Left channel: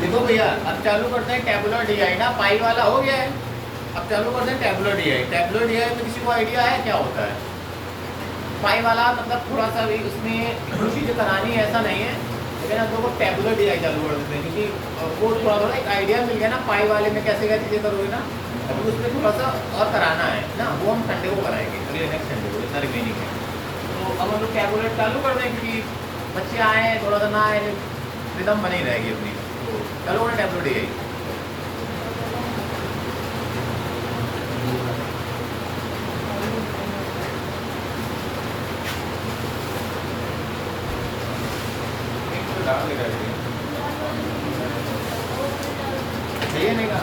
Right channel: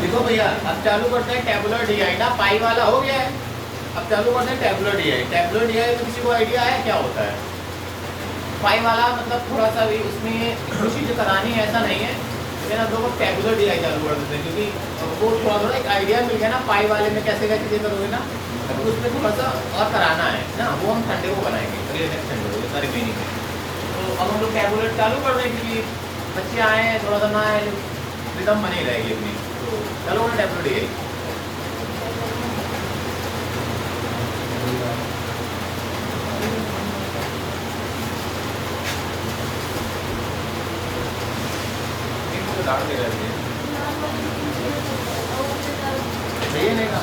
देखो भैया, अब चालू करते हैं टेबुलर डीआई ना, पाई वाला हो गया है। अब चालू करते हैं टेबुलर डीआई। टेबुलर डीआई में किसी को आइडिया है क्या होता है? पाई वाला मतलब थोड़ा सा भी उसमें कुछ चीज़ें करानी है ऐसा नहीं है, लेकिन अब लोग टेबुलर डीआई चालू कर देते हैं क्योंकि वो थोड़ा एक आइडिया मिल गया ना पाई वाले में कैसे क्या चीज़ें करोगे ना। अभी उसमें थोड़ा सा और कराना है ना, वो हम संडे को कराएंगे, अगले नेक्स्ट संडे को, जितना रिमेनिंग है। तो अब हम लोग टेबुलर चालू कर दें क्योंकि बच्चे आए हैं, थोड़ा सा ना रिदम बनी रहेगी अपनी। तो चलो टेबुलर डीआई। भैया नहीं कहा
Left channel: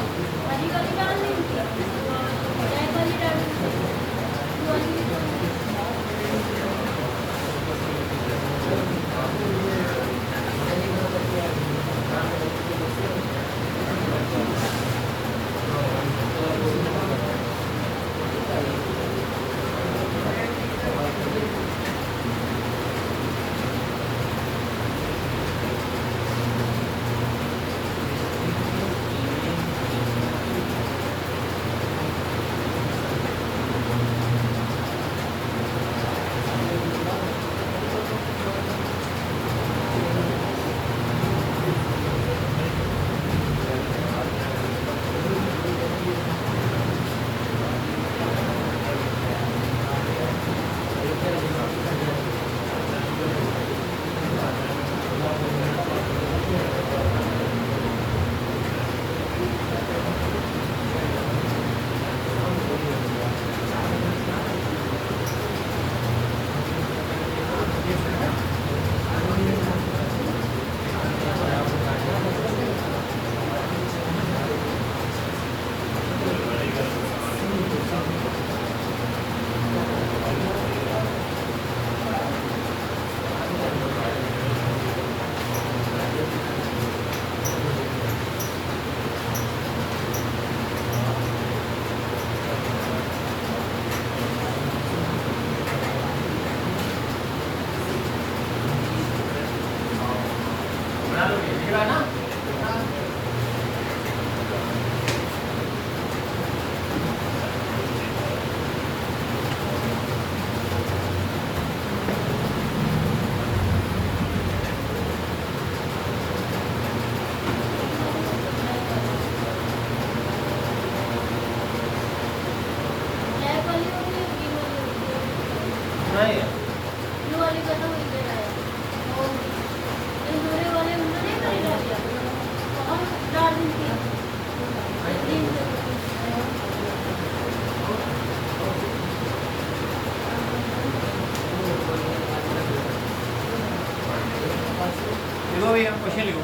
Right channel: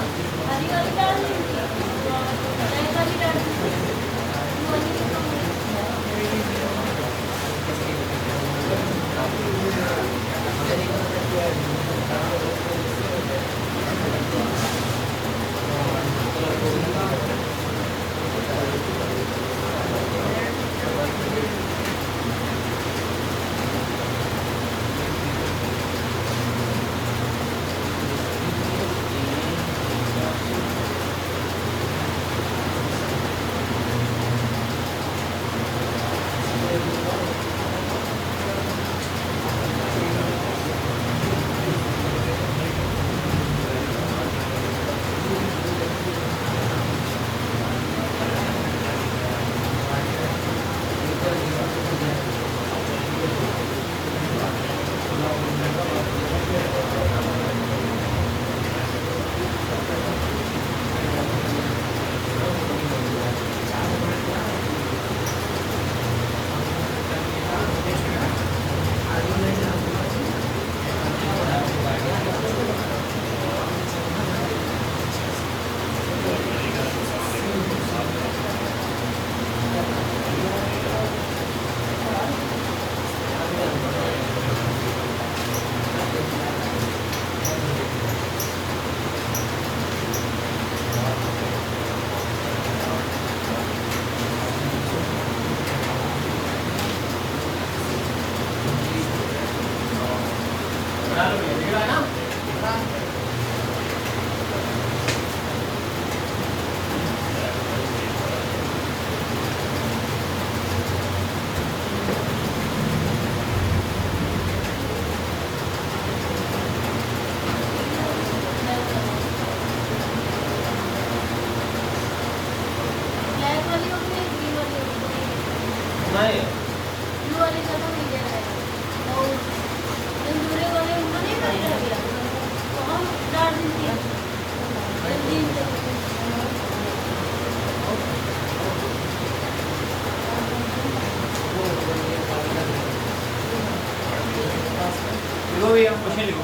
क्वेश्चन लिखो।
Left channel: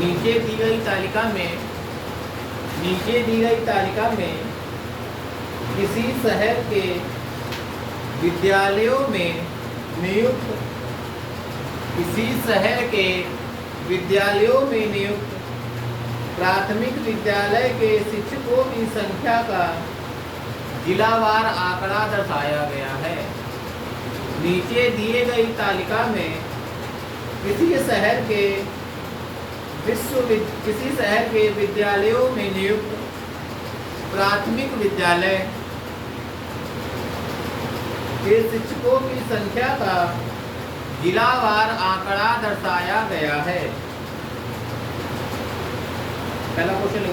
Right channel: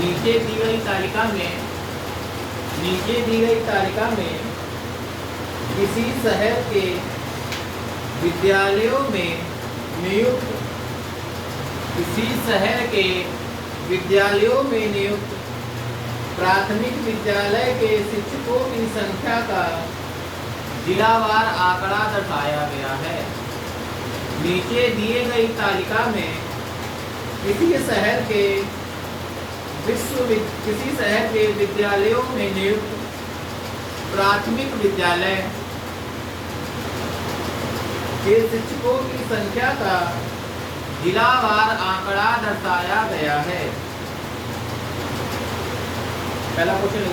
नीचे दी गई तालिका में किसी शहर के विद्यालयों में नियुक्त प्राथमिक विद्यालय के शिक्षकों की संख्या का जिलावार आंकड़ा दर्शाया गया है। नीचे दिए गई तालिका में किसी शहर के विद्यालयों में नियुक्त प्राथमिक विद्यालय के शिक्षकों की संख्या का जिलावार आंकड़ा दर्शाया गया है। पहला क्वेश्चन,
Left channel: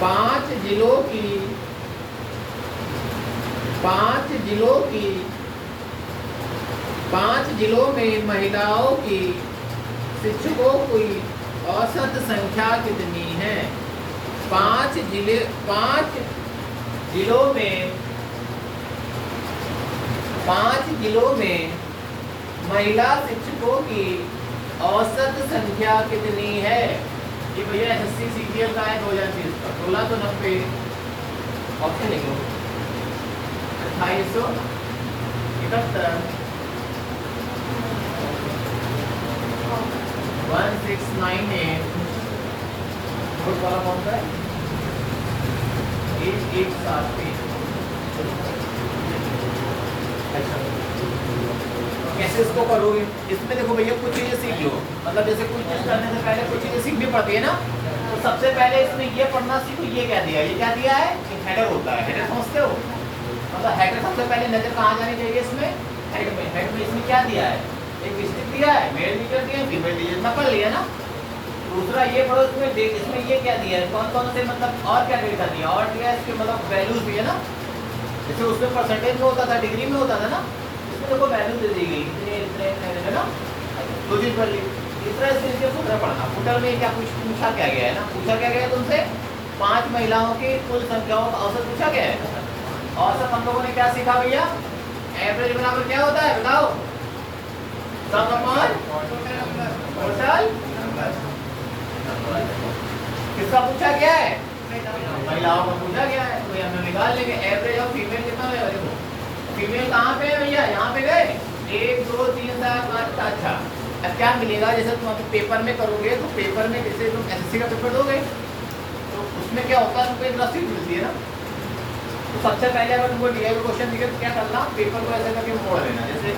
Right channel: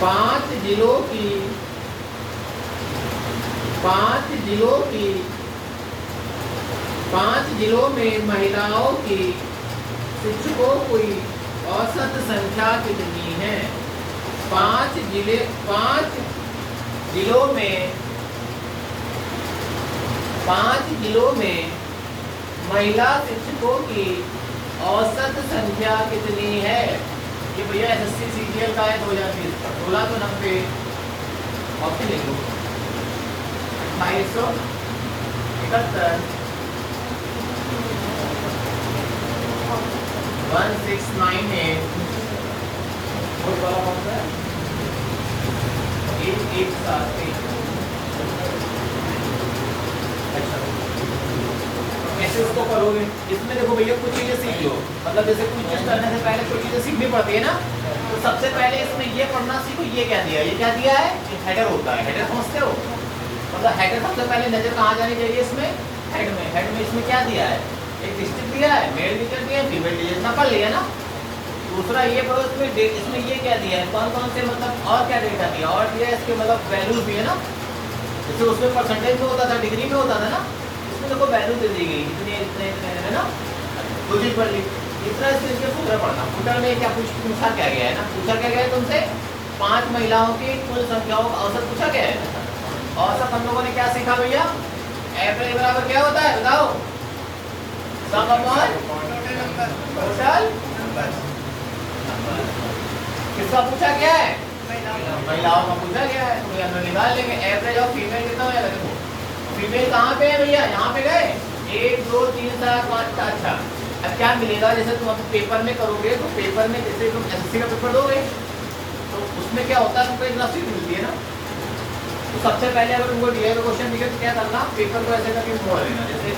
5 जिलों में महिलाओं की शिक्षकों की औसत संख्या कितनी है? 5 जिलों में महिला शिक्षकों की औसत संख्या कितनी है? ये बढ़िया एसएससी सीजीएल का है 2020 का, 16 तो 90 ऑप्शन लिखो। 2871 1698 फोर्थ वाला कौन सा है? एक साथ एक। अच्छा कैसे इसको करोगे? इसमें देखो भैया कुछ चीजें सीख लो, मतलब जैसे कुछ चीज करने से पहले कुछ चीजें सीखनी पड़ती है ना। तो सबसे पहले इसमें ये पढ़ना सीखो, ये क्या दिया है, ये क्या दिया है, एक हेडर होता है। हेडर समझते हो? मतलब हेडर सबसे पहले नजर कहाँ जानी चाहिए इसमें, हेड में। हेड में इसमें क्या दिया है, एक डिस्ट्रिक्ट दिया है, मेल टीचर दिया है, फीमेल टीचर, इतना पढ़ लिया ना। दूसरा ये पढ़ो इसमें डेट, इसमें ये क्या दिया है, कौन कौन से मतलब और क्या डेटा दिया, और दिया है इसके मतलब वैल्यूज भी है ना। जैसे उसमें परसेंटेज में होता था, डिग्री में होता था ना, इसमें देखो वैल्यू दे दी गई, इतने इतने है ना। दो चीज पढ़ ली। तीसरा इसके नीचे फुटर पढ़ना। फुटर में क्या पूछा क्या गया है ना, पूछा क्या गया है तुमसे, 5 महिलाओं की कुल संख्याओं का औसत पूछा गया है। औसत हम लोगों ने क्या सीखा भैया, एवरेज बराबर क्या होता है बताओ, सम अपॉन टोटल किसका पूछा गया है, महिलाओं का पूछा गया है। तो हम निकाल लेंगे एवरेज ऑफ फीमेल कितना होगा। देखो फीमेल कहाँ पे है भैया, यहाँ पे गए 1 2 3 4 5। अच्छा अब क्या मिलेगा, जैसे तुम अभी पेपर में करोगे तो पेपर में जैसे तुम एसएससी का पेपर दोगे तो उसमें क्या होता है, तुमको एक रसीद मिलती है ना। तो सबसे पहले अगर तुमको दिया हुआ क्वेश्चन दिखे तो क्या करना, पेपर को ऐसे करके मोड़ लेना। जैसे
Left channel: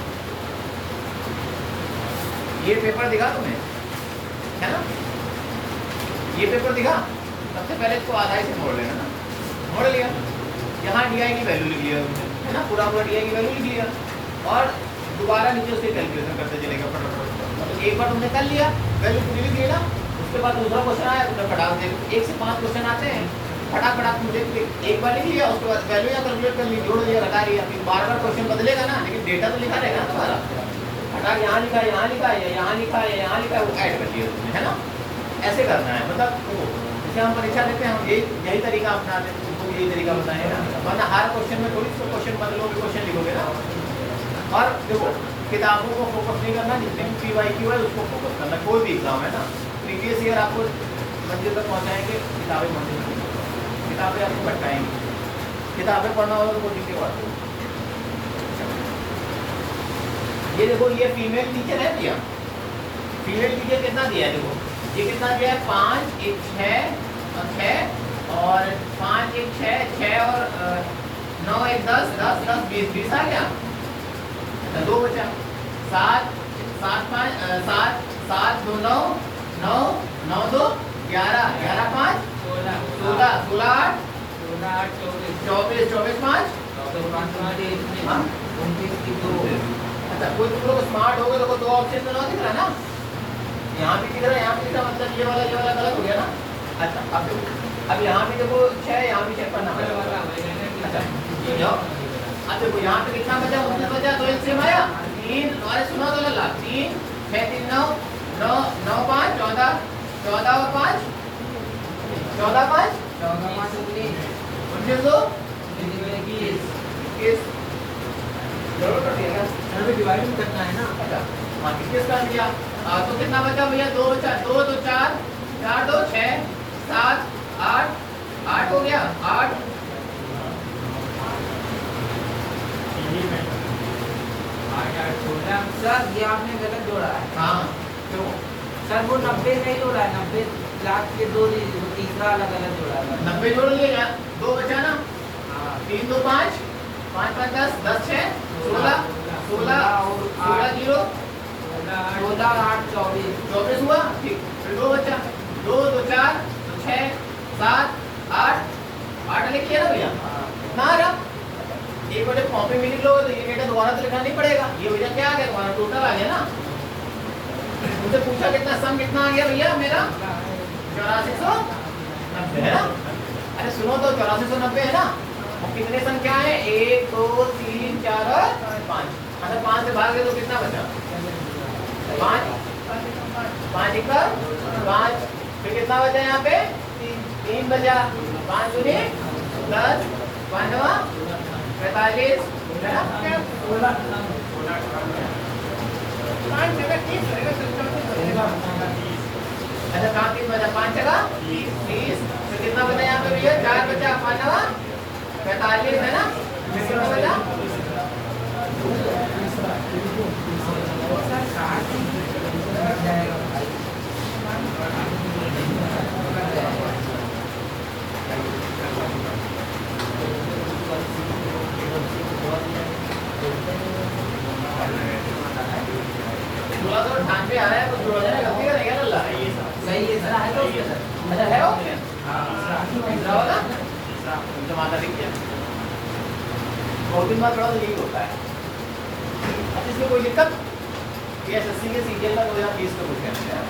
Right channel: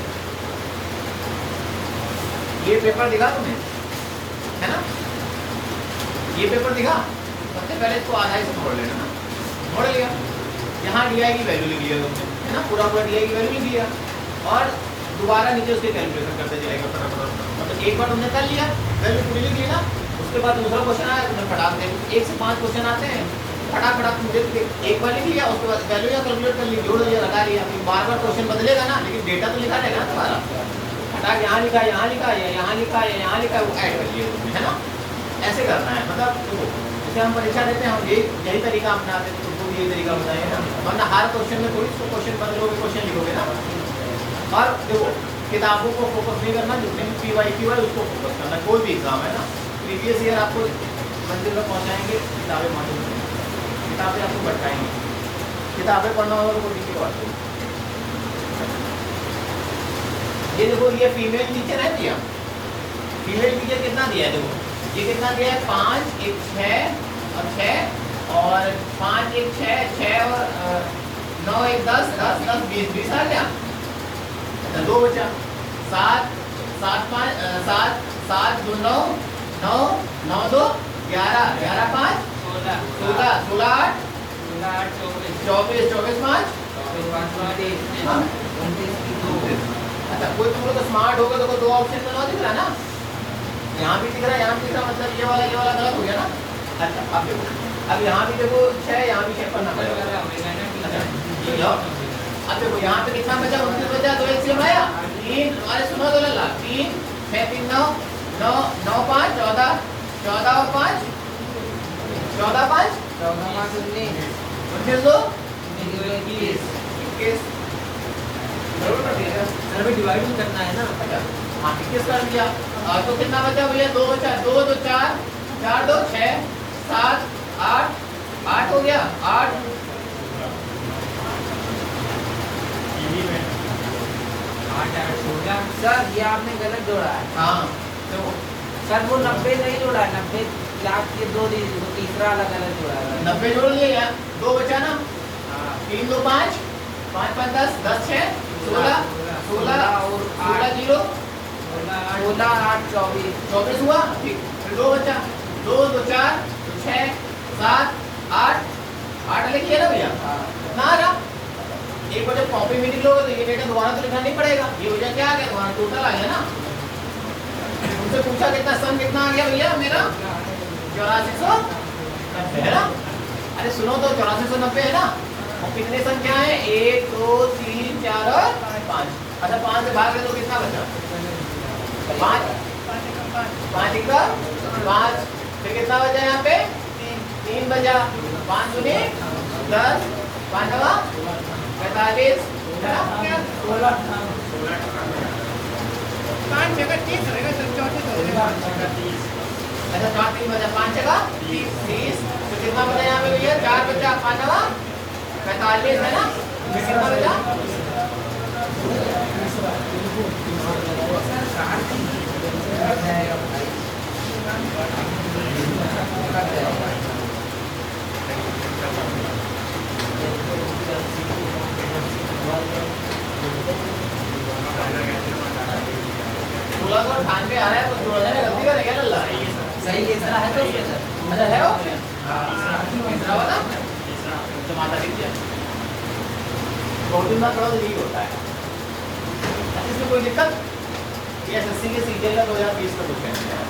ये पेपर दिखा तुम्हें है ना, ये पेपर दिखा, सबसे पहले इसको आधा से मोड़ लेना ना। मोड़ लिया, यहाँ DI की वैल्यू लिख लिया तुमने है ना, पूरा DI की वैल्यू लिख लिया और दोबारा नीचे उसके कैलकुलेशन करते चलेगा फटाफट। मतलब एक बार तुमने कर लिया, वैल्यू पूरी लिख ली ना, उसके बाद दूसरा क्वेश्चन आया, तुमने फटाक देखो 1 से 5 क्वेश्चन आते हैं, फटाक फटाक तुम देख एक बार लिख लिया, उसके बाद वैल्यू या कैलकुलेट कर ली, जोड़ लिया, लगा लिया। फिर बार बार क्वेश्चन बदलेगा ना, लेकिन डेटा तो लिखा रहेगा ना तुम्हारा। फटाक यहाँ लिखा है, यहाँ लिखा है, यहाँ लिखा है, यहाँ लिखा है, वो ऐड कर लिया तुमने है ना। ऐसे करना है, मतलब जैसे हम परीक्षा देते हैं, हम यही तरीका अपनाते हैं, तुमको यही तरीका बताएं ना, वरना हर क्वेश्चन में थोड़ी क्वेश्चन बदलोगे, क्वेश्चन लिखोगे ना। और देखो किताबों को फोकस नहीं करना, जितने भी PYQ है उसको फोकस करना। कोई भी एग्जाम है ना, प्रीवियस ईयर आपको मंजिल तक पहुंचाएंगे, किताबें मंजिल, किताबें आपको भटकाएंगी। किताबें पढ़ना होगा तो कोई बात नहीं। ये देखो ये फीमेल टीचर है दिया, फीमेल टीचर कितना दिया है, देखो ये कितना दिया है, 5 1 6 और 6 और 5 1 6 6 और 9 1 10 10 10 20 20 आ गया, 2 बचा, 7 7 5 7 7 2 9 9 9 2 11 11 5 16 16 16 8 24 24 5 अच्छा कोई तुम लोग स्मार्ट हो गए, देखो 2 ऑप्शन तो ना दिख रहा ना, यहाँ भी दिख रहा है, यहाँ भी दिख रहा, मतलब ये वाला गलत हो गया ना। अच्छा अब देखो, अब यहाँ भी देखो 6, यहाँ भी 6 पढ़ना पड़ेगा। अब देखो यहाँ पे कितना बचा, 29 बचा, 2 एलसीएम आया 3, अरे सुनो तो लल्ला, 3 6 3 9 9 9 5 14 14 और 5 14 5 19 2 21 जरूर कर दिया सर, भी डिवाइड भी करना है ना। अच्छा हाँ 21 कर दिया, तो कितना बचा भैया, 2 बचा, 2 2 4 4 2 6 7 8 8 हो गया, 8 सर ये आपने गलत जोड़ा है। हाँ क्यों सर वो 90 नहीं जोड़ा है, 90 लाख के 2 तीसरा वाला गलत जोड़ा है। 90 जोड़ लिएगा, 2 बचा ना, 3 2 5 5 5 10 10 6 16 16 और 16 0 16 8 24 24 हुआ, ठीक। फिर 2 बचा, 2 2 4 6 7 8 8 लिखिए ना भैया ना आ रहा। एक बार जब कॉपी में लिख लो तो ये डेटा दोबारा तो लिखना नहीं पड़ेगा, ये भैया क्या आ गया तुम्हारा टोटल आ गया ना। उनसे पूछा कितना सम कितना आ गया भैया मेरा, 8490 है ना। अरे सुनो तो 8490 है ना, और कितने संख्या है, 1 2 3 4 और 5। अच्छा 5 से भाग दे तो कितना बचा, 5 5 1 5, फिर कितना बचा यहाँ पे, 3 बचा, 5 दूनी 10 5 9 45 है ना, 16 5 जगह 30 होगा, 30। अच्छा 4 3 बचा, 5 जगह 30, तो कितना बचा यहाँ पे भैया, 4 बचा, 5 9 45 है ना, फिर कितना बचा, क्या? तीसरा वाला तो माता लिख दिया। बहुत दिन बाद पढ़ो तो यही होता है। अच्छा, इसमें कोई दिक्कत? ये एसएससी के सीजीएल का 2020 का क्वेश्चन है यार।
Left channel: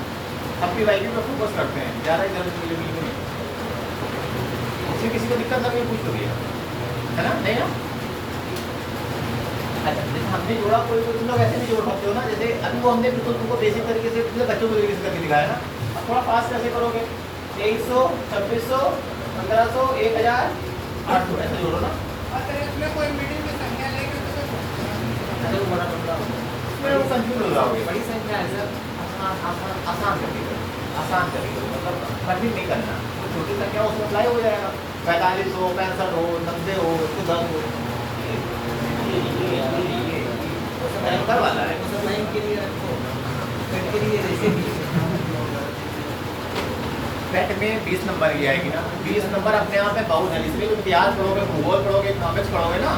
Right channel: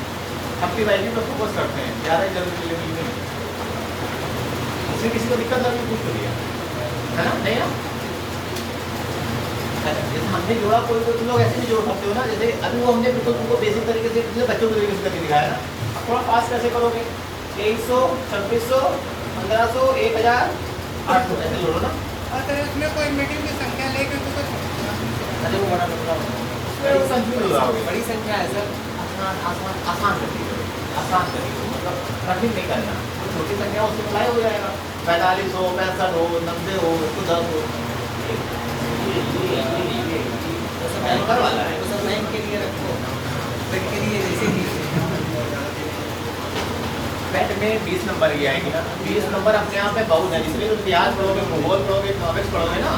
अपनी वाइफ पर फोकस करते हैं, ज़्यादा जल्दी मिलेगी नहीं। उससे किसी को दिक्कत लगी पूछ तो दिया है ना? नहीं ना? अच्छा, जैसे हमने जोड़ा, कोई तुम लोग ऐसे भी जोड़ सकते हो ना, जैसे अभी वो हमने बिल्कुल तुमको बेसिक तरीके से पिछले बच्चों को तरीके से करके दिखाया ना। अब थोड़ा फास्ट कैसे करोगे? 2300, 2600, 1500, 1000, 800 ऐसे जोड़ो ना। इसमें कोई मीटिंग की संख्या लेकर तो कुछ अरे वो बड़ा उसमें वो कंफ्यूज हो जाओगे। बड़ी संख्या है सर। आसान तरीके, आसान तरीके, मतलब कठिन नहीं करना। वो छोटी संख्या उसमें अप्लाई हो जाएगा। 45 हो, 65 हो, 90 हो, 110 हो। ये बैंकर वाला है। वो सब बैंक के लिए रखते हो, बैंक के लिए जैसे भी बैंक में 20 नंबर की आएगी ना। 20 नंबर अपने आप में बहुत है, जिसमें तुम इतिहास पढ़ोगे, भूगोल पढ़ोगे, इकोनॉमिक्स पढ़ोगे ना,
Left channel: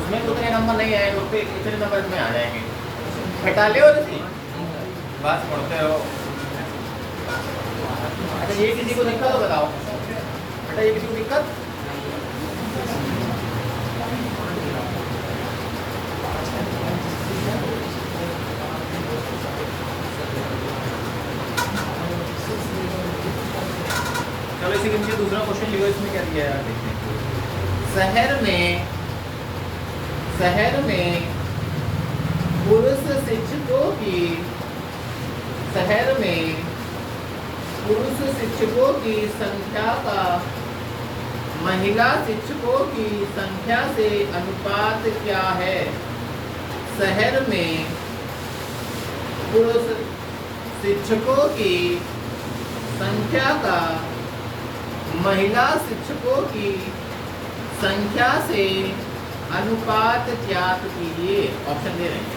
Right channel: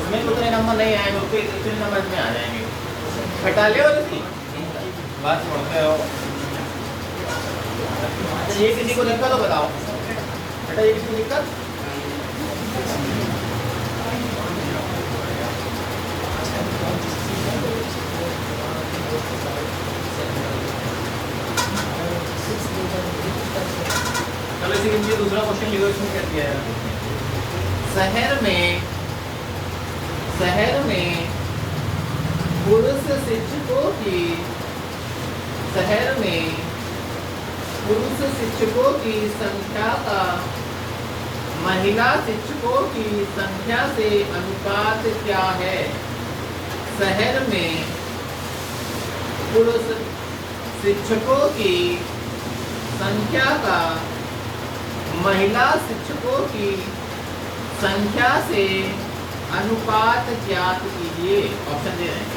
उसमें उतने नंबर नहीं आएंगे, उसके इतने नंबर इसमें आ जाएंगे। घटा ले और इसकी बात पढ़ते हो। अच्छा, ये किसी को दिक्कत हो बताओ बेटा, ये किसी को दिक्कत? चलो इसी के नीचे दूसरा क्वेश्चन लिखो। इसमें क्या दिया है? शहर में पुरुष शिक्षकों की संख्या का महिला शिक्षकों की संख्या से अनुपात क्या है? शहर में पुरुष शिक्षकों की संख्या का महिला शिक्षकों की संख्या से अनुपात ज्ञात कीजिए। ऑप्शन दे रहे हैं।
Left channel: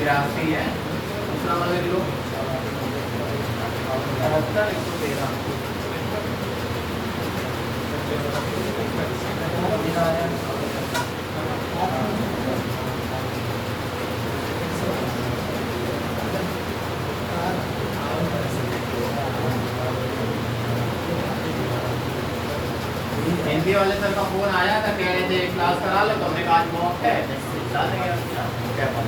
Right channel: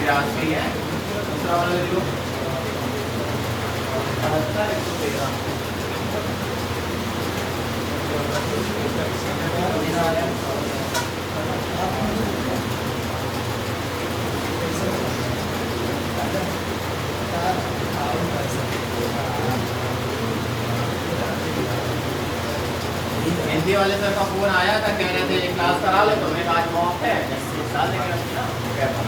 95 है। दूसरा वाला लिख लो 72 113। हिंदी वाले सर का फोन आया था, कह रहे थे क्लास करा ले, तो हमने आज मॉक है डाल देंगे पेपर।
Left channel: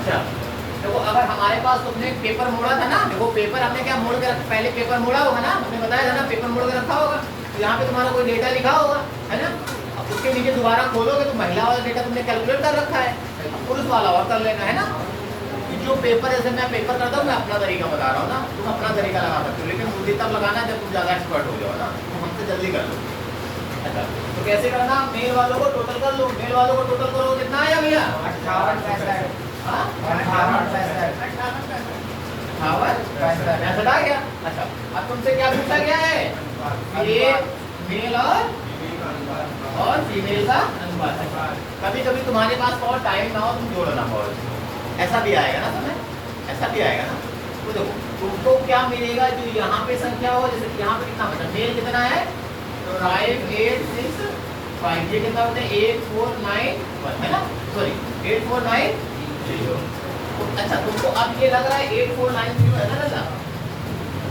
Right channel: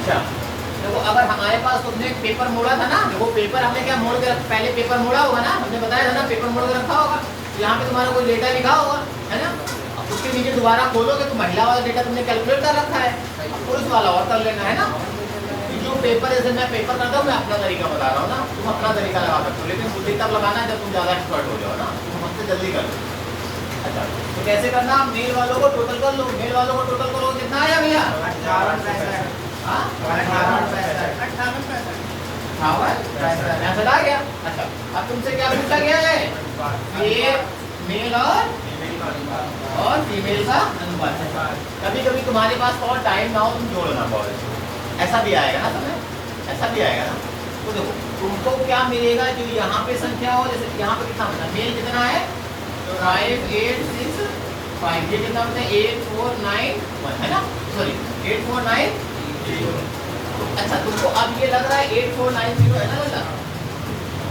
अच्छा देखो, अगर हमारे पास तुमने एक पेपर मोड़ा था ना, देखो पेपर हमने क्या मोड़ के पहले पेपर मोड़ा होगा ना, हमने बताया था ना, पेपर मोड़ के रखा होगा। तो यहाँ पे तुम्हारा कोई डेटा लिखा होगा, है ना। अब उसके नीचे दोबारा खोलोगे तो महिला वाला डेटा तुमने कैलकुलेट कर रखा है, अब पुरुष वाला और कर लेना है ना। जो पेपर, जैसे मैं पेपर करता हूँ, मैं अपना तरीका बता रहा हूँ ना, तुम अपना तरीका लगा सकते हो, लेकिन उसी तक लगाना है जब तुम ज़्यादा एक्सपर्ट हो जाओ ना, तुम हमसे जल्दी कर लो। अच्छा, तो कैसे करना? मेल वालों को टोटल कर लो, मेल वालों को टोटल करो, कितना आया भैया? 58 आ गया। अच्छा, अब तुमसे क्या पूछा गया है? ये मेल और फीमेल का अनुपात है। कभी कभी तुम्हारे पास और टाइम ना हो, तुम जोड़ना बहुत, ऐसा भी आएगा ना तुम्हें, ऐसा भी आएगा ना। तो देखो तुमको क्या मिलेगा, जो यहाँ पे संख्या हो, जैसे यहाँ पे कितना होता है, मेल कितना है 5 8 6 5, ये कितना होता है 8 4 9 1, है ना, सॉरी 8 4 9 0। अच्छा, तुमको अब ये लग रहा है 8 4 9 0 है ना लगा,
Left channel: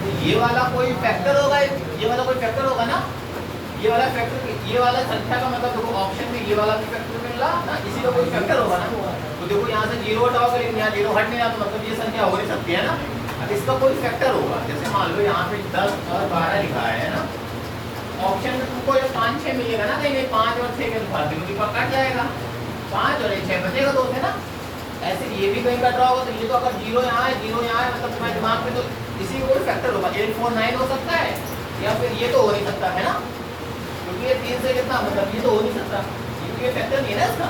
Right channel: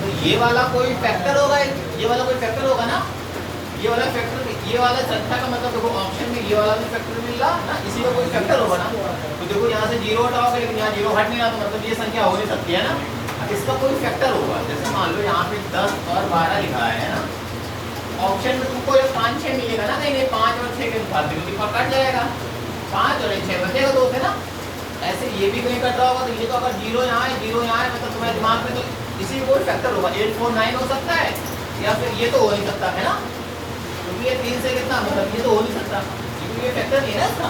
तो ये वाला कोई फैक्टर होगा, ये वाला कोई फैक्टर होगा ना, ये वाला फैक्टर, ये वाला संख्या का मतलब देखो ऑप्शन में ये वाला भी फैक्टर मिल रहा ना, इसी का कोई फैक्टर होगा ना। तो देखो यहाँ से 0 हटाओगे, लेकिन यहाँ 0 हट नहीं रहा, तो मतलब ये संख्या हो नहीं सकती है ना, इसका कोई फैक्टर होगा। जैसे मान लो यहाँ पे 10 और 12 लिखा है ना, ऑप्शन में तुमको ये 5 6 मिलेगा ना, कहीं 5 और 6 के अनुपात में कट जाएगा, 5 और 6 बचेगा 2 है ना। ऐसे ये भी कहीं कट रहा होगा, तो ये तो अगर 0 यहाँ है 0 यहाँ है, मतलब तुम्हारे दिमाग में तो इसी में कोई फैक्टर होगा, 8 4 9 हो सकता है, या फिर ये तो हो नहीं सकता है ना। क्योंकि ये 3 से कितना मतलब ये तो हो नहीं सकता, क्योंकि ये फैक्टर नहीं है ना इसका।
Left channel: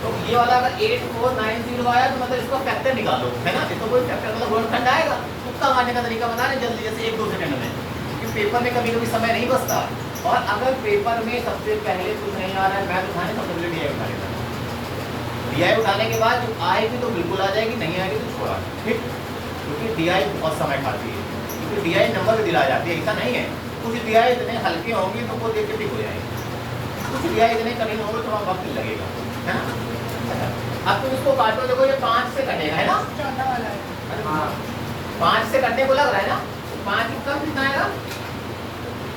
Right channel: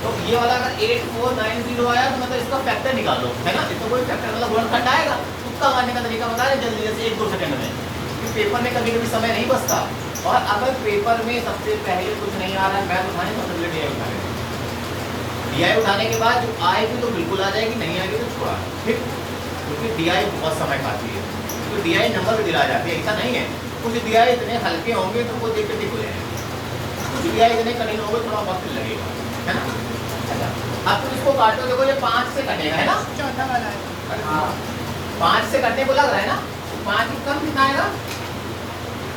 तो ये वाला अगर 8490 आया तो मतलब इसका फैक्टर निकालो, है ना। इसको कोई फैक्टर मतलब वर्गखंड आएगा, तुक्का मारने का तरीका बता रहे जल्दी जैसे 1-2 सेकंड में, क्योंकि पेपर में कभी कभी समय नहीं बचता। और अगर पेपर में सबसे पहले कुछ नहीं आ रहा है, मैं तो उठाने सबसे पहले DI उठा लेता हूँ। DI उठाने के बाद जो आएगी तो बिल्कुल आ जाएगी, नहीं आएगी तो छोड़ा, ठीक। क्योंकि DI बहुत समय खाती है, क्योंकि DI नंबर पे दिला जाती है, ऐसा नहीं है। कुछ DI इतने हल्के होंगे तो वो देख के ठीक हो जाएंगे, कुछ DI इतने कठिन होंगे थोड़ा वक्त लगेगा, है ना। अच्छा, अब तुम इसको काटो, देखो ये 5 से कटेगा, है ना। चौथा वाला है। हाँ 5 से कटने को लग रहा है ना, 5 कम कितना आएगा,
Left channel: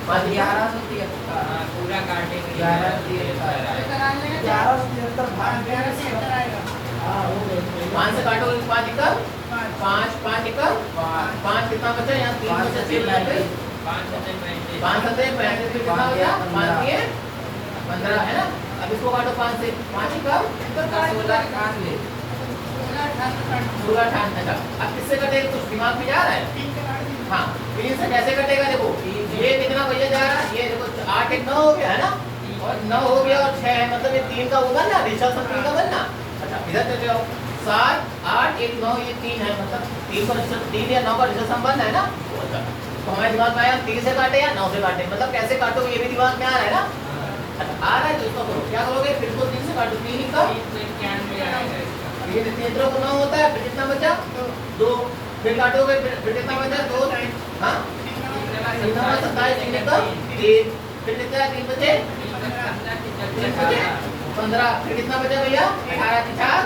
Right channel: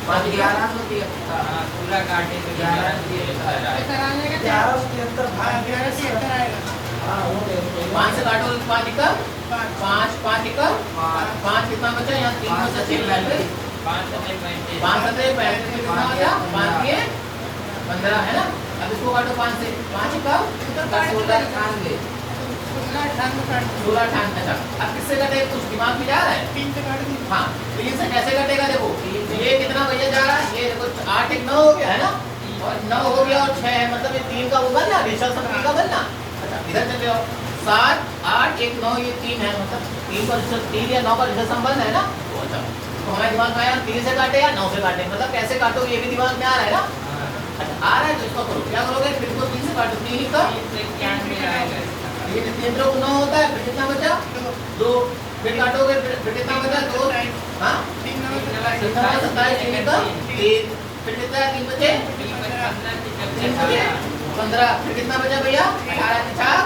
5 11 पूरा काटे तो 11 11 11 से 11 आएगा। हाँ वो देखो 5 से काटो 5 एकम 5 एकम 5 कितना बचा, यहाँ 3 से 6 5 सत्रह 35 कितना हो गया, 5 ये 15, है ना। अब इसको काटो 5 से, 5 एकम 16 16 का। अब किससे कटेगा, कुछ दिमाग में जा रहा है। 3 से काट दी। हाँ 3 से कैसे कटेगा, देखो ये कितना भैया जा रहा है, ये देखो 8 1 9 हो गया, है ना। और 9 हो गया और 6 है, मतलब ये 3 का वो बनना, ऋषभ संख्या का बनना। अच्छा इधर चले जाओ, 7 8 1 9 ये 3 है, मतलब 3 का ऋषभ 3 या 9 का ऋषभ संबंध है ना। तो अच्छा तो हमारे दिमाग में आया 3 से काटे या 9 से काटे, मतलब कैसे काटो ये भी दिमाग में आ रहा है ना। अच्छा आ रहा है तो इसको करो, क्या करोगे, फिर इसको 3 से काटो, 3 का ये केंद्रों को 9 होता है, फिर कितना बचा 2, फिर काटोगे फिर कितना बचा 2, हाँ 3 नंबर 27 3 का 3, फिर कितना 3 बचे 3 बचे 15, फिर कितना बचा भैया 18 के 4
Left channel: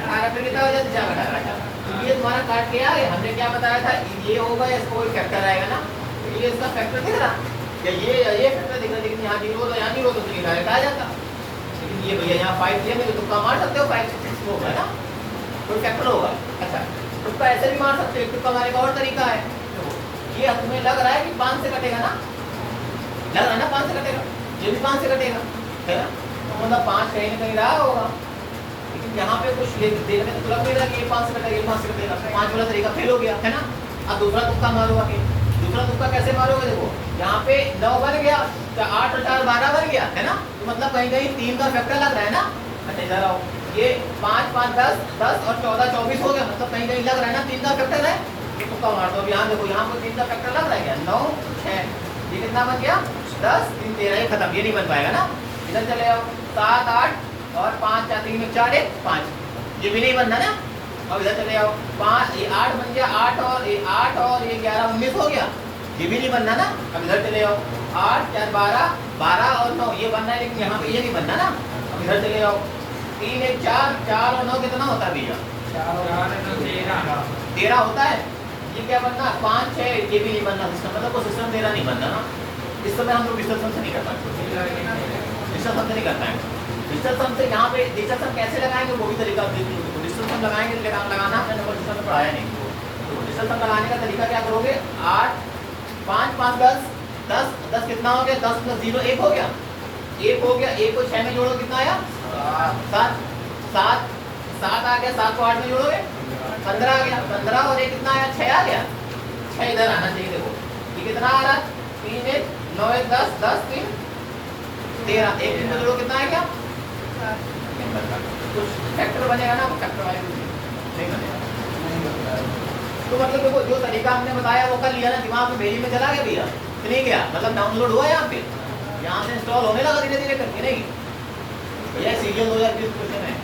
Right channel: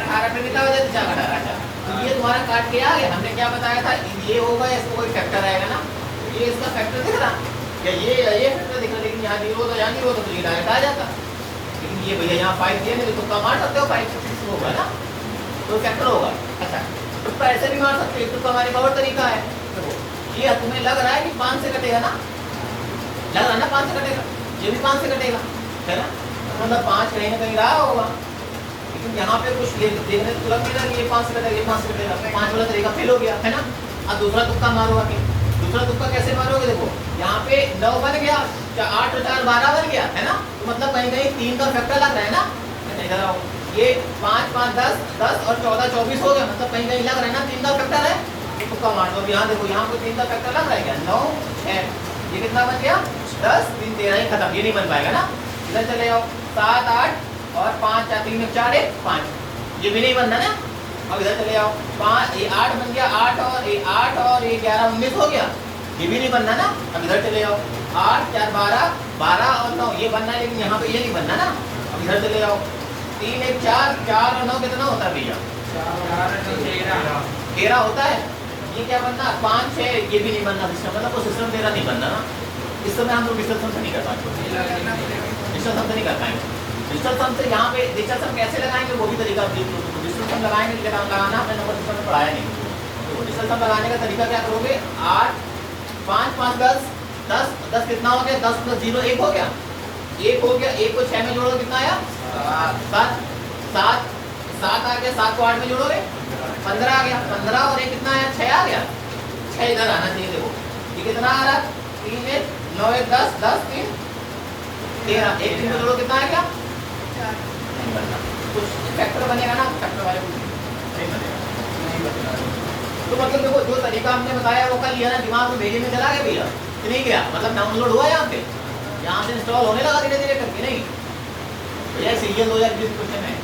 18, फिर कितना बचा 4 18। तो ये तुम्हारा काट के आ गया। हमने क्या बताया था, ये होगा इसको कोई फैक्टर आएगा ना, तो ये इसका फैक्टर दिख रहा या ये फैक्टर दिख रहा, लेकिन यहाँ 0 होता यहाँ 0 होता तो ये डायरेक्ट आ जाता। लेकिन ये भैया यहाँ 5 दिया नहीं तो तुक्का मार सकते हो, 5 6 6 होगा ना, तो फैक्टर होगा। अच्छा तुक्का ऐसे भी मार सकते हो, तुक्का मारने का और तरीका है। देखो ये तुम्हें लग रहा है कि 5 से कटेगा ना, लग रहा है ना 5 से कटेगा, ये भी 5 से कटेगा, है ना। मतलब 5 कहीं ना कहीं रहा होगा, लेकिन यहाँ पे कुछ ये देखने तो लग नहीं रहा कि ये 5 से कटेगा, ये 5 से कटेगा, 5 वाला तरीका फेल हो गया, है ना। अब दूसरा तुक्का मारो आके, दूसरा तुक्का कैसे मारोगे, देखो यहाँ पे 9 बन गया, 8 और 4 12 बन गया, है ना। तो मतलब कहीं कहीं 3 का फैक्टर लग रहा है ना। अच्छा इधर आओ, ये 5 5 10 10 और 14 24 हो गया, मतलब कहीं कहीं लग रहा है ना 3 का फैक्टर है। ये तुक्का मार दो, अब यहाँ देखो यहाँ पे 3 का फैक्टर लग रहा है क्या, 9 6, ये कितना बन गया 10 3 13, ये खत्म, ये नहीं बन पाएगा ना। इधर चले आओ 7 8 और 5 4 3 4 1 5, ये भी नहीं बनना ना। अब इधर चले आओ 5 ये 8 बन गया, 8 और ये 11 19 हो गया, ये भी नहीं बनना ना। अब इधर चले आओ 8 4 12 12 और 9, ये बनना है, लेकिन यहाँ पे ये नहीं बनना ना। अब इधर चले आओ 3 1 4 4 और 9 कितना होता है भैया 13 होता है। ये क्या बनना 5 6, ये भी नहीं बनना सिस्टम, मतलब वो सिस्टम 13 नहीं बनना ना। इस समय हम लोग डिजिटल सम से नहीं कर पाएंगे, डिजिटल सम से नहीं कर पाएंगे। डिजिटल सम से यहाँ पे डिजिटल सम कैसे लगाएंगे वो भी तरीका, डिजिटल सम लगाएंगे, लेकिन आप लगाना हमने नंबर डिजिटल में पढ़ाया नहीं। तो डिजिटल सम लगाने का तरीका क्या करोगे, 8 5 5 10 10 10 कितना हो गया, 10 + 0 1 हो गया, 1 हो गया, 1 को 6 में जोड़ो कितना आया 7 7 7 आ गया, 7 को 8 में जोड़ोगे 15 आ गया, 15 और 1 कितना आया 6 आ गया, 6 इधर आना चाहिए। देखो ये कितना आ रहा 3 1 9 1 10 10 3 13, 1 3 में जोड़ो कितना आएगा, कुछ फैक्टर बनेगा ना, फैक्टर वाले कुछ नहीं बनेगा। तो मतलब देखो जो तरीका हमने बताया वो कर लिया ना, दिमाग में भेजे में चला गया भैया कि नहीं गया, मतलब डाउनलोड हुआ यहाँ पे, यहाँ से इंस्टॉल होने लगा धीरे धीरे करके, नहीं भैया सीरियल 2020 क्वेश्चन है,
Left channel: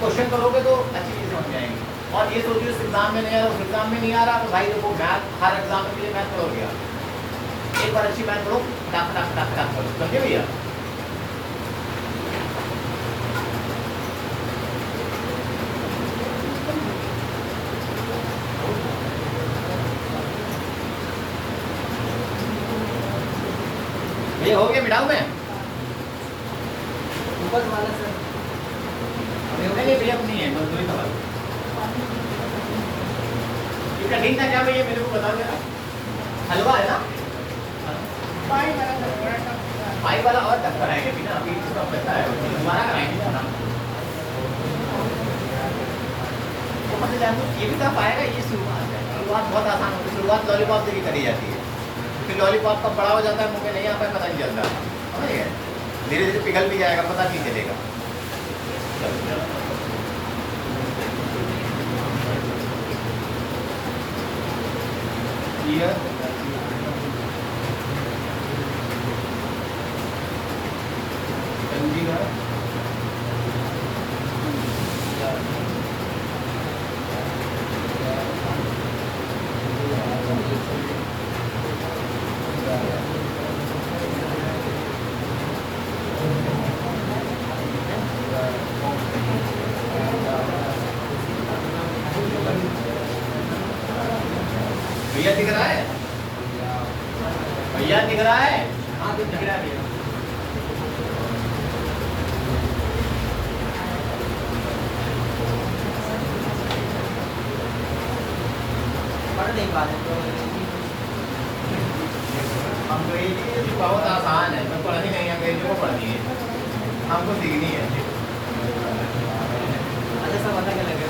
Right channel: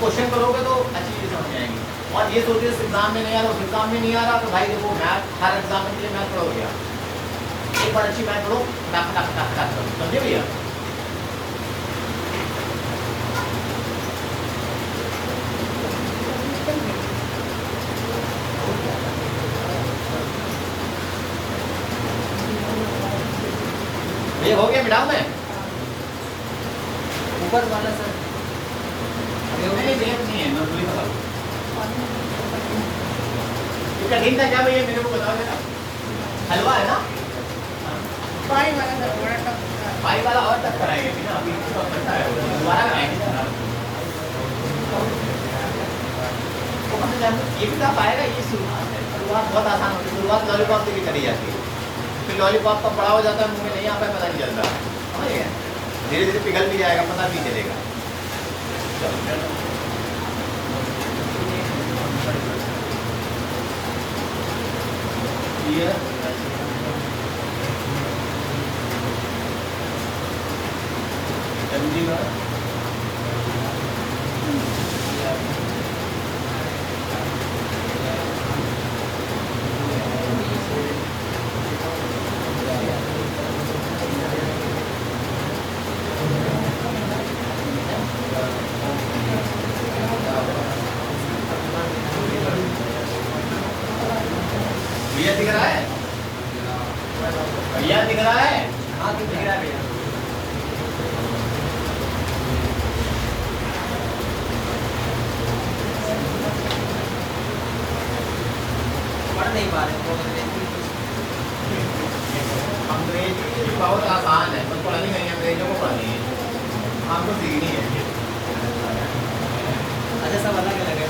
क्वेश्चन करोगे तो अच्छी चीज़ समझ आएंगी। और ये सोचिए इस एग्जाम में नहीं आ रहा, उस एग्जाम में नहीं आ रहा, तो भाई देखो मैथ हर एग्जाम के लिए मैथ पढ़ो गया, एक बार अच्छी मैथ पढ़ो फटाक करो, समझे भैया। ये हो गया मिटाऊ में ऊपर वाला सर नहीं है मजदूरी का बात। ये कठिन था क्या भैया, मेरे को बताओ जरा। हलवा है ना, पाई वाला था बड़ा टफ। पाई वाला और टक्कर आएगा कि ना, अभी इसका बचा है दोबारा कराएंगे ना। वो मतलब ये भी टफ आएगा, ये शुरुआत बहुत आसान होती है, शुरुआत लॉलीपॉप से भी करी जाती है, फिर लॉलीपॉप कब बड़ा हो जाता है मुंह में नहीं आता है, पता नहीं चलता, समझ गए? धीरे धीरे पिघल भी जाएगा, पता नहीं चलेगा। ये भैया दिख रहा है? भैया दिख रहा है? हाँ दिख रहा है भैया। पढ़ नहीं पा रहे तो अंग्रेजी बहुत आसान है, तो पढ़नी नहीं है, अंग्रेजी को पढ़नी है, हमको सीखनी है। अच्छा सब अलग अलग है।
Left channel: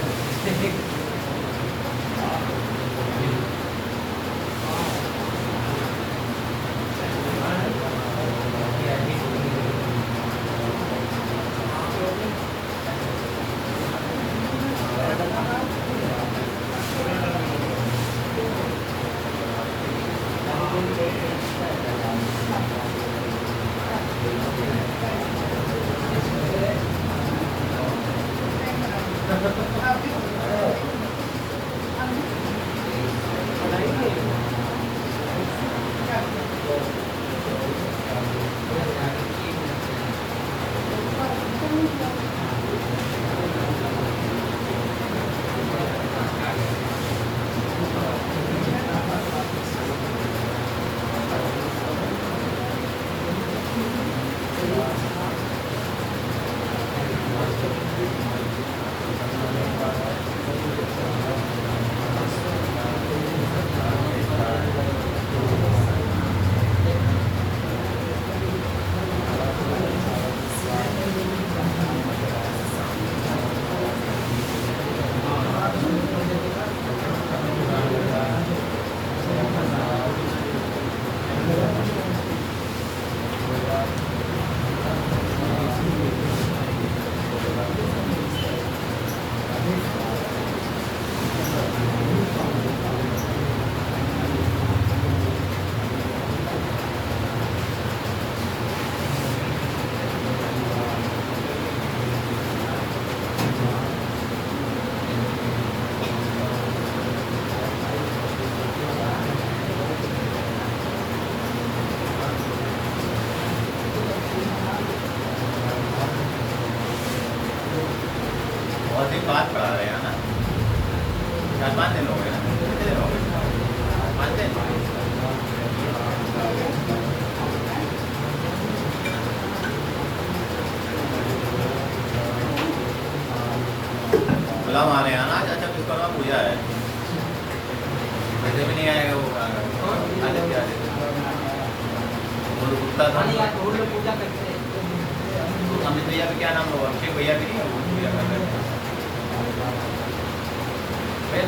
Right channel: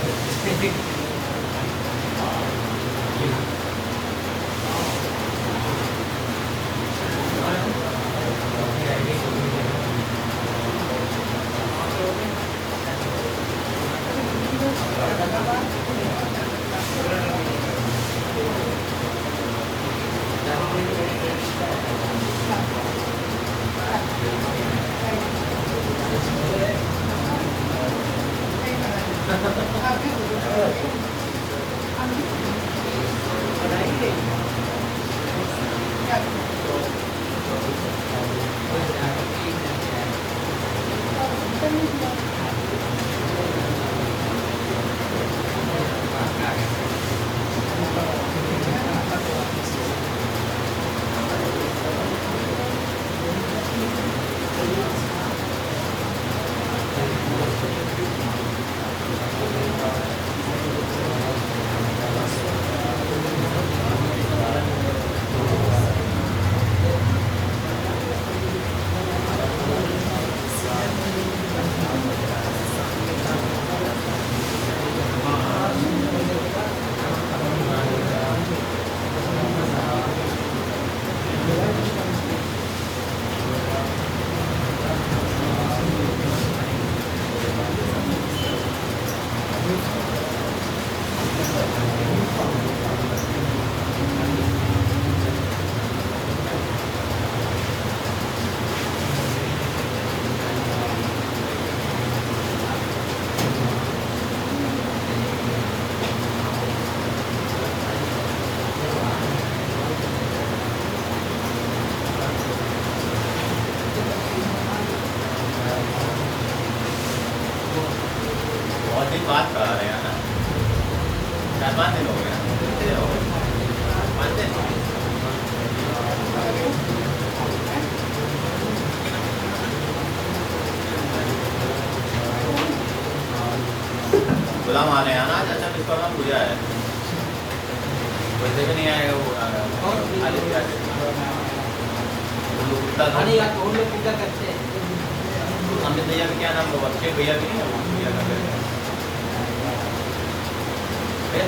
बहुत दिन बाद पढ़ा रहे हैं ना, 4-5 दिन हो गए ना, कितने दिन हो गए? 5 दिन। गुलाम आने आना चाचा विश्वकर्मा पूजा है, वैसे भी नहीं आएगा वो, खाली क्या कुत्ता था। हम लोग पूजा करते हैं। अमित भैया का क्या नाम होगा? उसके भैया भी नहीं है, वो पूजा कर रहे हैं।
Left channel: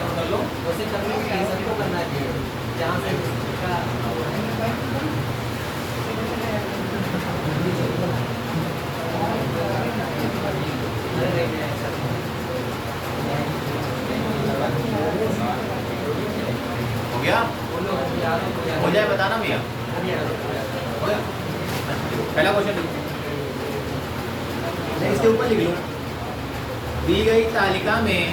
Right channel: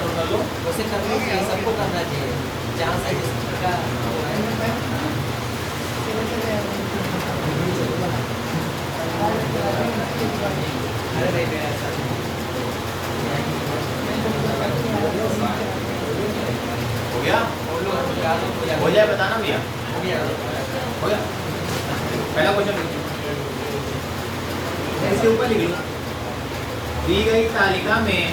तुम कर लो। वैसे करना चाहिए, सबको करना चाहिए जहाँ से जिस प्रकार अरे नहीं हो गया? हो जाए बताना भैया। हो गया? पहला क्वेश्चन इसके ऊपर लिख लो। दी गई तालिका में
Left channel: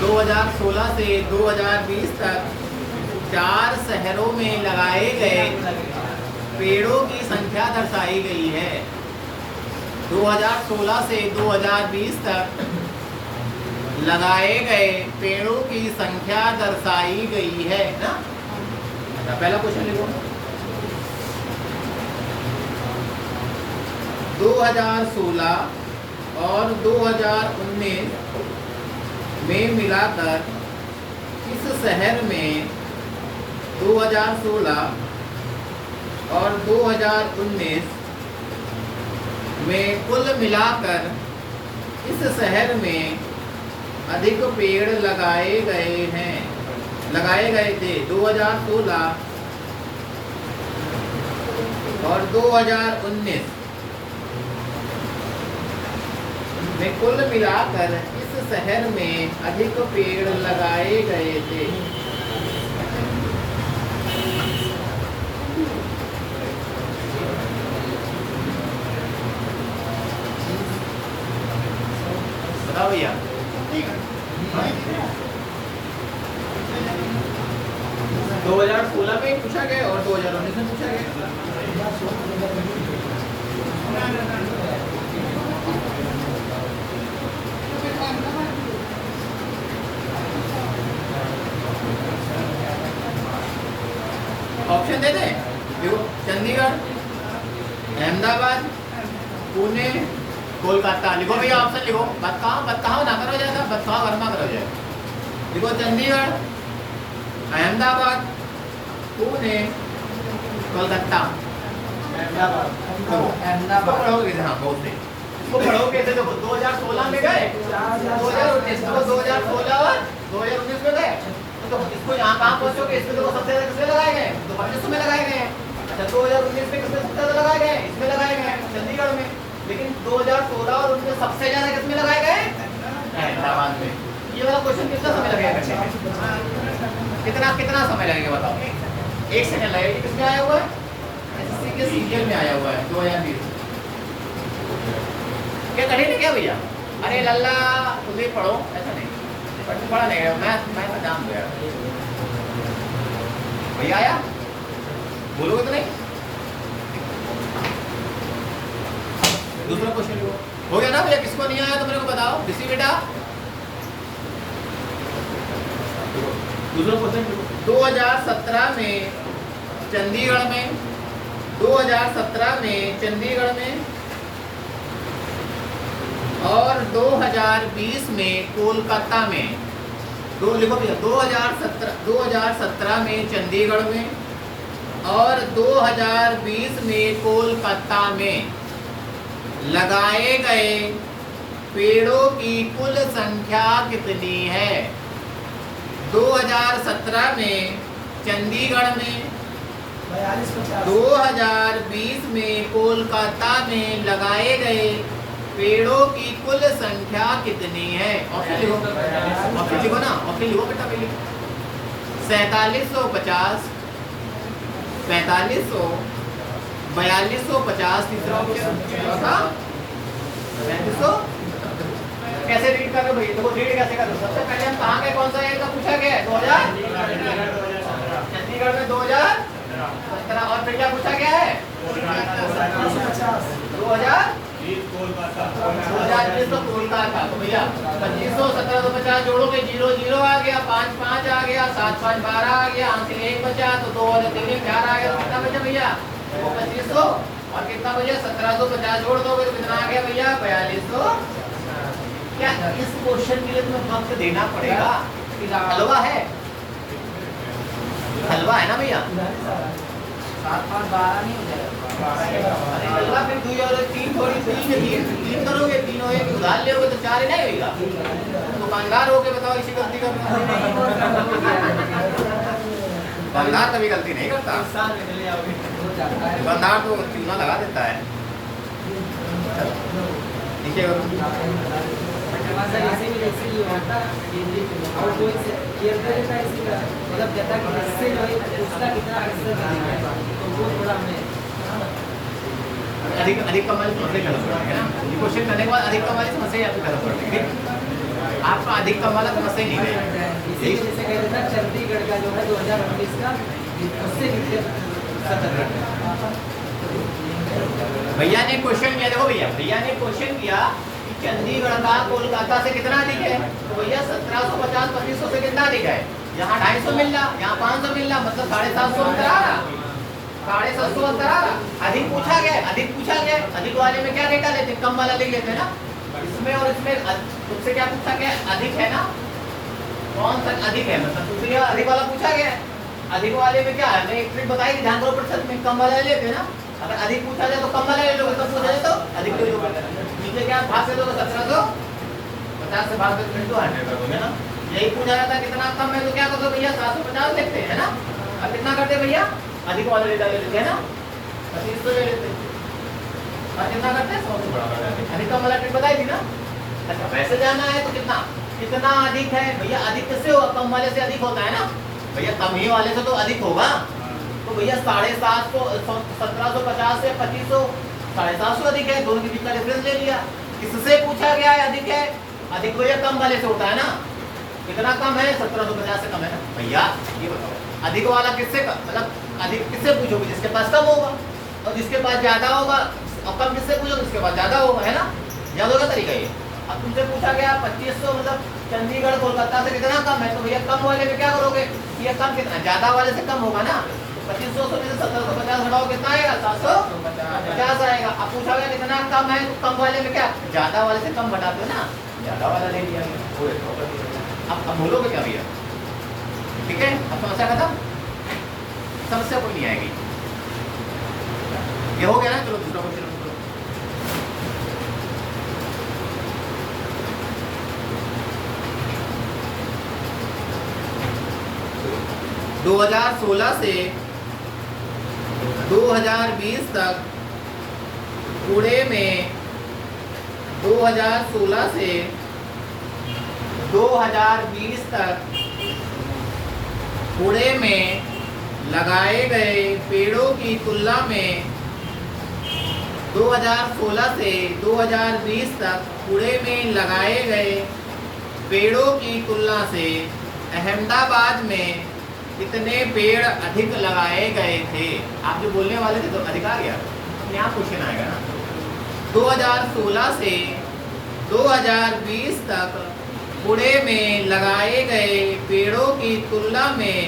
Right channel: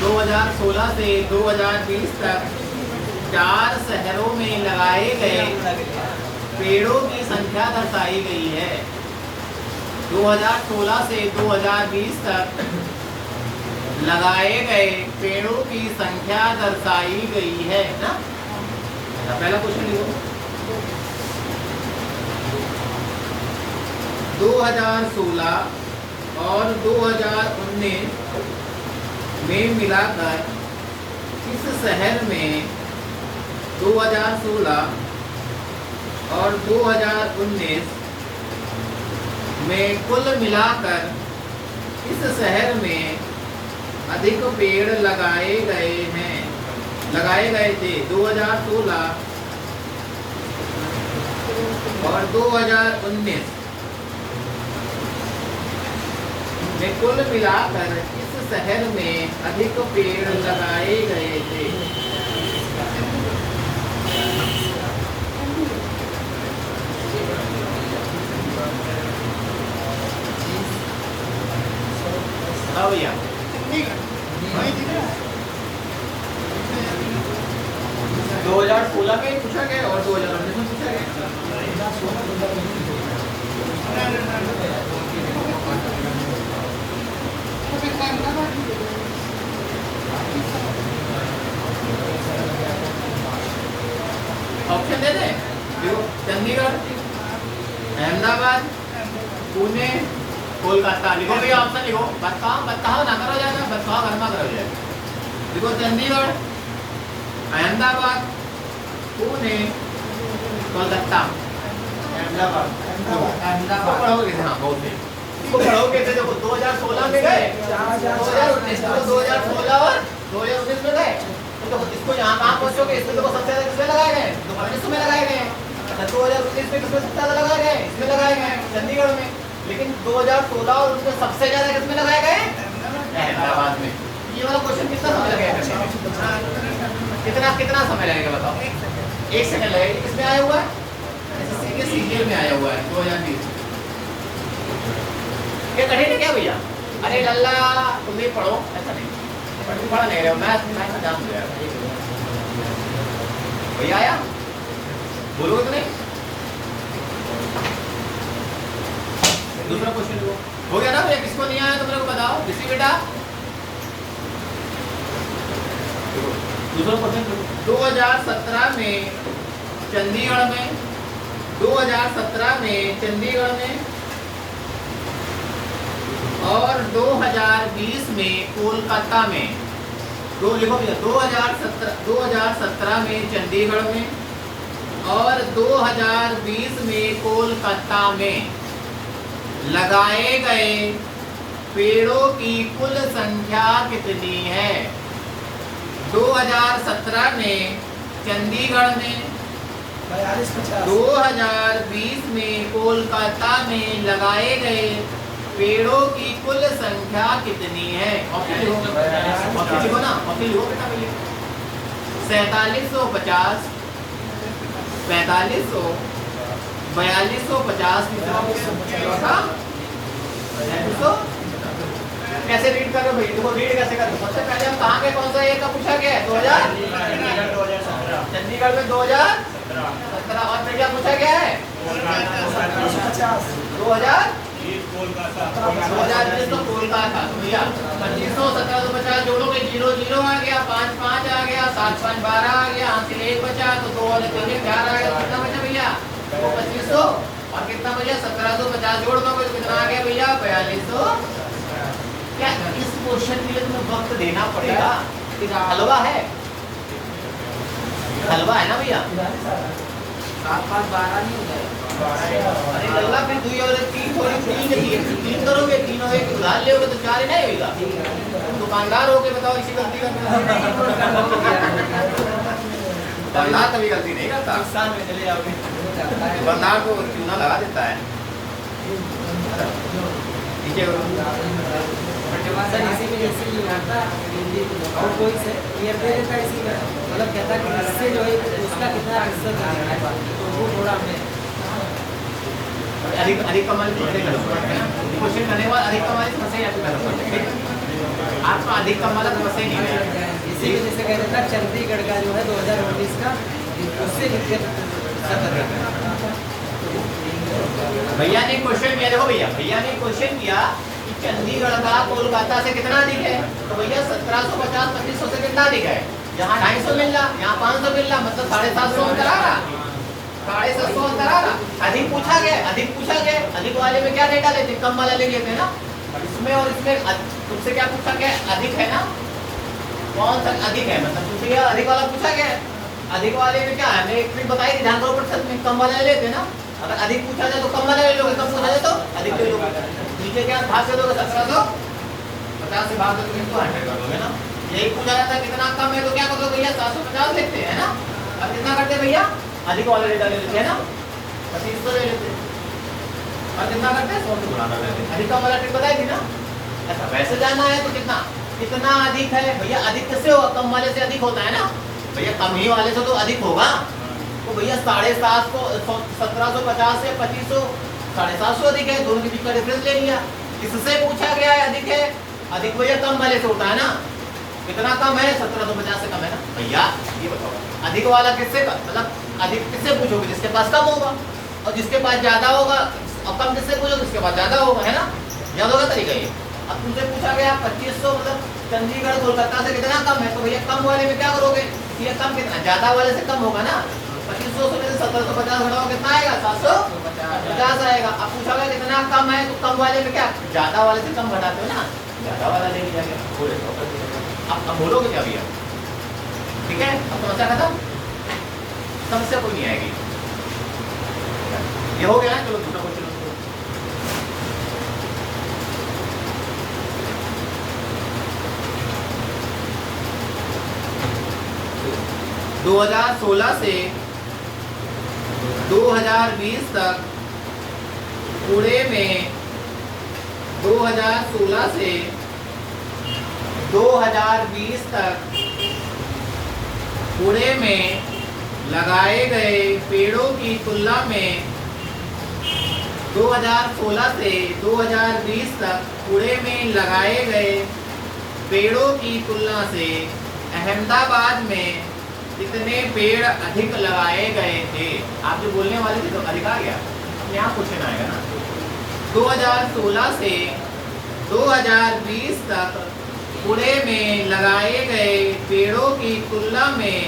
2016 से 2020 तक 4 शहरों में लगाए गए पेड़ों की संख्या दर्शाई गई है। 2016 से 2020 तक लगाए गए पेड़ों की संख्या दर्शाई गई है ना। पहला क्वेश्चन लिखो। 2016 और 2019 में मिलाकर इस शहर में 2016 और 2019 में कुल मिलाकर इस शहर में अधिक पेड़ लगाए गए थे। 2016 और 2019 में कुल मिलाकर इस शहर में अधिक पेड़ लगाए गए थे। बताओ भैया। ठीक है वही ठीक है 2016 में पूछा गया और 2019 में पूछा गया। ऑप्शन दे दें। देखो चंडीगढ़, अहमदाबाद, पुणे, कोलकाता। लिखो भैया ऑप्शन लिखो। बताओ ना करो जाएगा, बताओ वर्मा करो जाएगा। देखो चंडीगढ़, अहमदाबाद, पुणे, कोलकाता। अहमदाबाद पढ़ोगे हाँ बहुत सही। इसको पढ़ोगे तो देखो 2016 में गए, 2019 में गए, तो इसको यहाँ कहाँ पहुँचोगे? इसमें देखो सबसे ज्यादा किसमें लगाए गए? 2019 में लगाए गए। अच्छा 2019 में किसमें सबसे ज्यादा लगाए गए? इसमें लगाए गए चंडीगढ़ में। लेकिन 2016 और उसमें सबसे ज्यादा किसमें लगाए गए? अहमदाबाद में। ये वाला क्वेश्चन कितना समय लगेगा? कितना समय लगेगा बताओ? 1 सेकंड लगेगा। किसमें आया हुआ है? एसएससी के सीजीएल में आया हुआ है 2020। ये कठिन है क्या भैया? अरे लल्ला तुम भी पढ़ो, ऐसा नहीं पढ़ा नहीं रहे। मैं जान गया भैया। आया बोलोगे तो नहीं? दूसरा क्वेश्चन हो गया ना भैया? किसको नहीं आया तो मेरे को बताओ। किसी बेटा दूसरा क्वेश्चन 2017 में चंडीगढ़ में 2017 में चंडीगढ़ में और 2020 में कोलकाता में। दो लिखो भैया 2017 में चंडीगढ़ में और 2020 में कोलकाता में लगाए गए पेड़ों की कुल संख्या कितनी है? 2017 में चंडीगढ़ में, 2020 में कोलकाता में लगाए गए पेड़ों की कुल संख्या कितनी है? ऑप्शन लिखो ना, ऑप्शन लिखो बेटा पहले। 4750, 4500, 4250, तीसरा ऑप्शन चौथा 3500। कैसे रीड कर रहे हो भैया? देखो रीड कैसे कर रहे हो? सबसे पहले हम कहाँ के कौन सा ये का पूछा गया है? 2017 चंडीगढ़ में 2017 और फिर क्या पूछा गया है? 2020 तो कोलकाता। तो भैया 2500 1750 जोड़ोगे 0 0 आ गया, 5 5 आ गया, 7 5 12 आ गया, आंसर 1 बचा, तो 2 वाले 3 4 आ गया। तो कितना बचा भैया? वो 2500 और कितना बचा? 1750 जोड़ दोगे तो कितना आ गया भैया? 4200। क्या इस क्वेश्चन के लिए तुम्हें वक्त देना पड़ेगा? हलवा है, हलवा है ना भैया? 7 5 12 नहीं हो जाएगा। अरे लल्ला फिर 2 और 3 थोड़ी 3 करोगे, 3 और 1 उधार लोगे तो 4 ही नहीं होगा। तुम दुकानदार हो के बताओ इसी गलती कर रहे हो। दुकानदार कभी गलती नहीं करता। दुकानदार तो चूना लगा देता है। नीचे मतलब कहता कि इससे जो है उसका कितना अक्सर अधिक कमाल क्वेश्चन करने के बाद अधिक कमाल समस्या आपका अधिक कमाल समस्या नहीं है। इसी वजह से कहते था चंडीगढ़ का जो है 2019 का उससे नीचे भैया ने क्वेश्चन किया। देखो भैया ने क्वेश्चन किया कि चंडीगढ़ का कोलकाता से कितना अधिक है? तो भैया 1750 2500 से कितना अधिक है? यहाँ 250 मिल रहा, यहाँ 500 मिल रहा, मतलब 750 अंतर आ रहा, 750 अंतर आ रहा। अधिक पूछा गया, अधिक वाले में क्या डेटा लेते? कम वाला ले लेते हैं ना। इसमें और इसमें तुमसे क्या पूछा गया? अधिक है ना, कौन सा अधिक है? मतलब तुमसे अधिक वाला पूछा गया। अधिक वाले में क्या है? मैंने एक ट्रिक बताई थी, ध्यान दो प्रतिशत में कम वाला ले लेते हैं ना। अगर अधिक पूछा जाए तो कम वाला ले लोगे, कम पूछा जाए तो अधिक ले लोगे। नीचे क्या भाग से दोगे? 1750 से भाग से तो 100 कर दोगे ना। यही पूछा जाता है कितना कम है तो क्या कर दो भैया? 750 लिखते हैं ना। अब कितना करते भैया? अधिक वाला डेटा ले लेते हैं ना। 2500 ले लेते और कितना करते हैं 100 से गुणा कर देते। अधिक कम वाला ट्रिक बताई थी ना। अच्छा वैसे जाना है तो कितना कितना अधिक है भैया, अधिक किससे होगा, कम वाले से अधिक होता है ना भैया, कम ही वाले से तो अधिक होगा। तो भैया 750 को 1750 से 2500 750 अधिक है, दोनों के बीच का डिफरेंस ले लिया। किससे पूछा गया है अधिक है, अधिक भैया कम वाले से होता है ना। कितना कम है 1750 से कम है ना भैया। ये बताओ अधिक वाला किससे मतलब अधिक किससे पूछोगे, जिसके पास कम होगा, और जिसके पास ज्यादा होगा, और कम किससे पूछोगे, जिसके पास ज्यादा होगा, है ना। याद होगा तरीका ये। अब तुमसे पूछा गया 2500 मतलब चंडीगढ़ कोलकाता से कितना कम है, तो भैया कम वाले में क्या करोगे, ये कम कितना ज्यादा वाले से कम होगा ना। 2500 से 1750 घटाओ कितना आएगा 750 आएगा। अब पूछा गया कितना कम है, तो कम वाले में क्या ज्यादा वाले से कम घटाते हो ना, ज्यादा वाला ले लिया गया। अब बोलोगे क्या भैया, ठीक है। अब समस्या खत्म, समस्या कोई नहीं आएगी। ये हो गया ना, चलो दूसरा क्वेश्चन। 2016 से 2020 तक पुणे में 2016 से 2020 तक पुणे में लगाए गए पेड़ों की तुलना में 2016 से 2020 तक पुणे में लगाए गए पेड़ों की तुलना से अहमदाबाद में कितने पेड़ अधिक लगाए गए थे। आप जो बोलने वाले थे तो अधिक आ गया, अब यहाँ क्वेश्चन आएगा ना। 2016 से 2020 तक पुणे में लगाए गए पेड़ों की तुलना में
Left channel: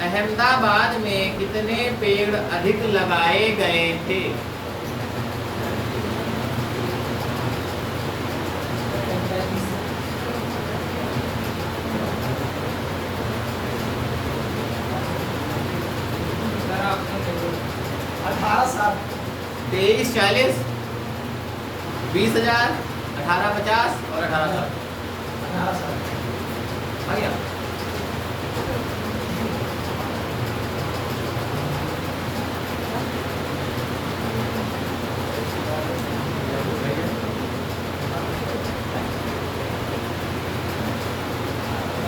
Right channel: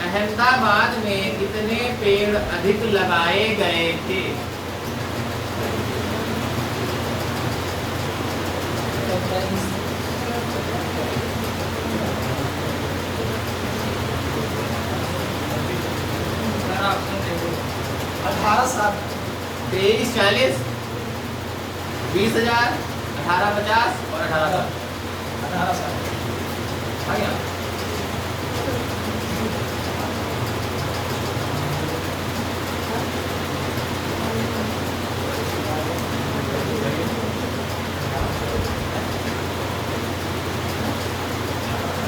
अहमदाबाद में कितने पेड़ अधिक लगाए गए थे। साल 23 40 20,000 18 50 और 18 साल। आइए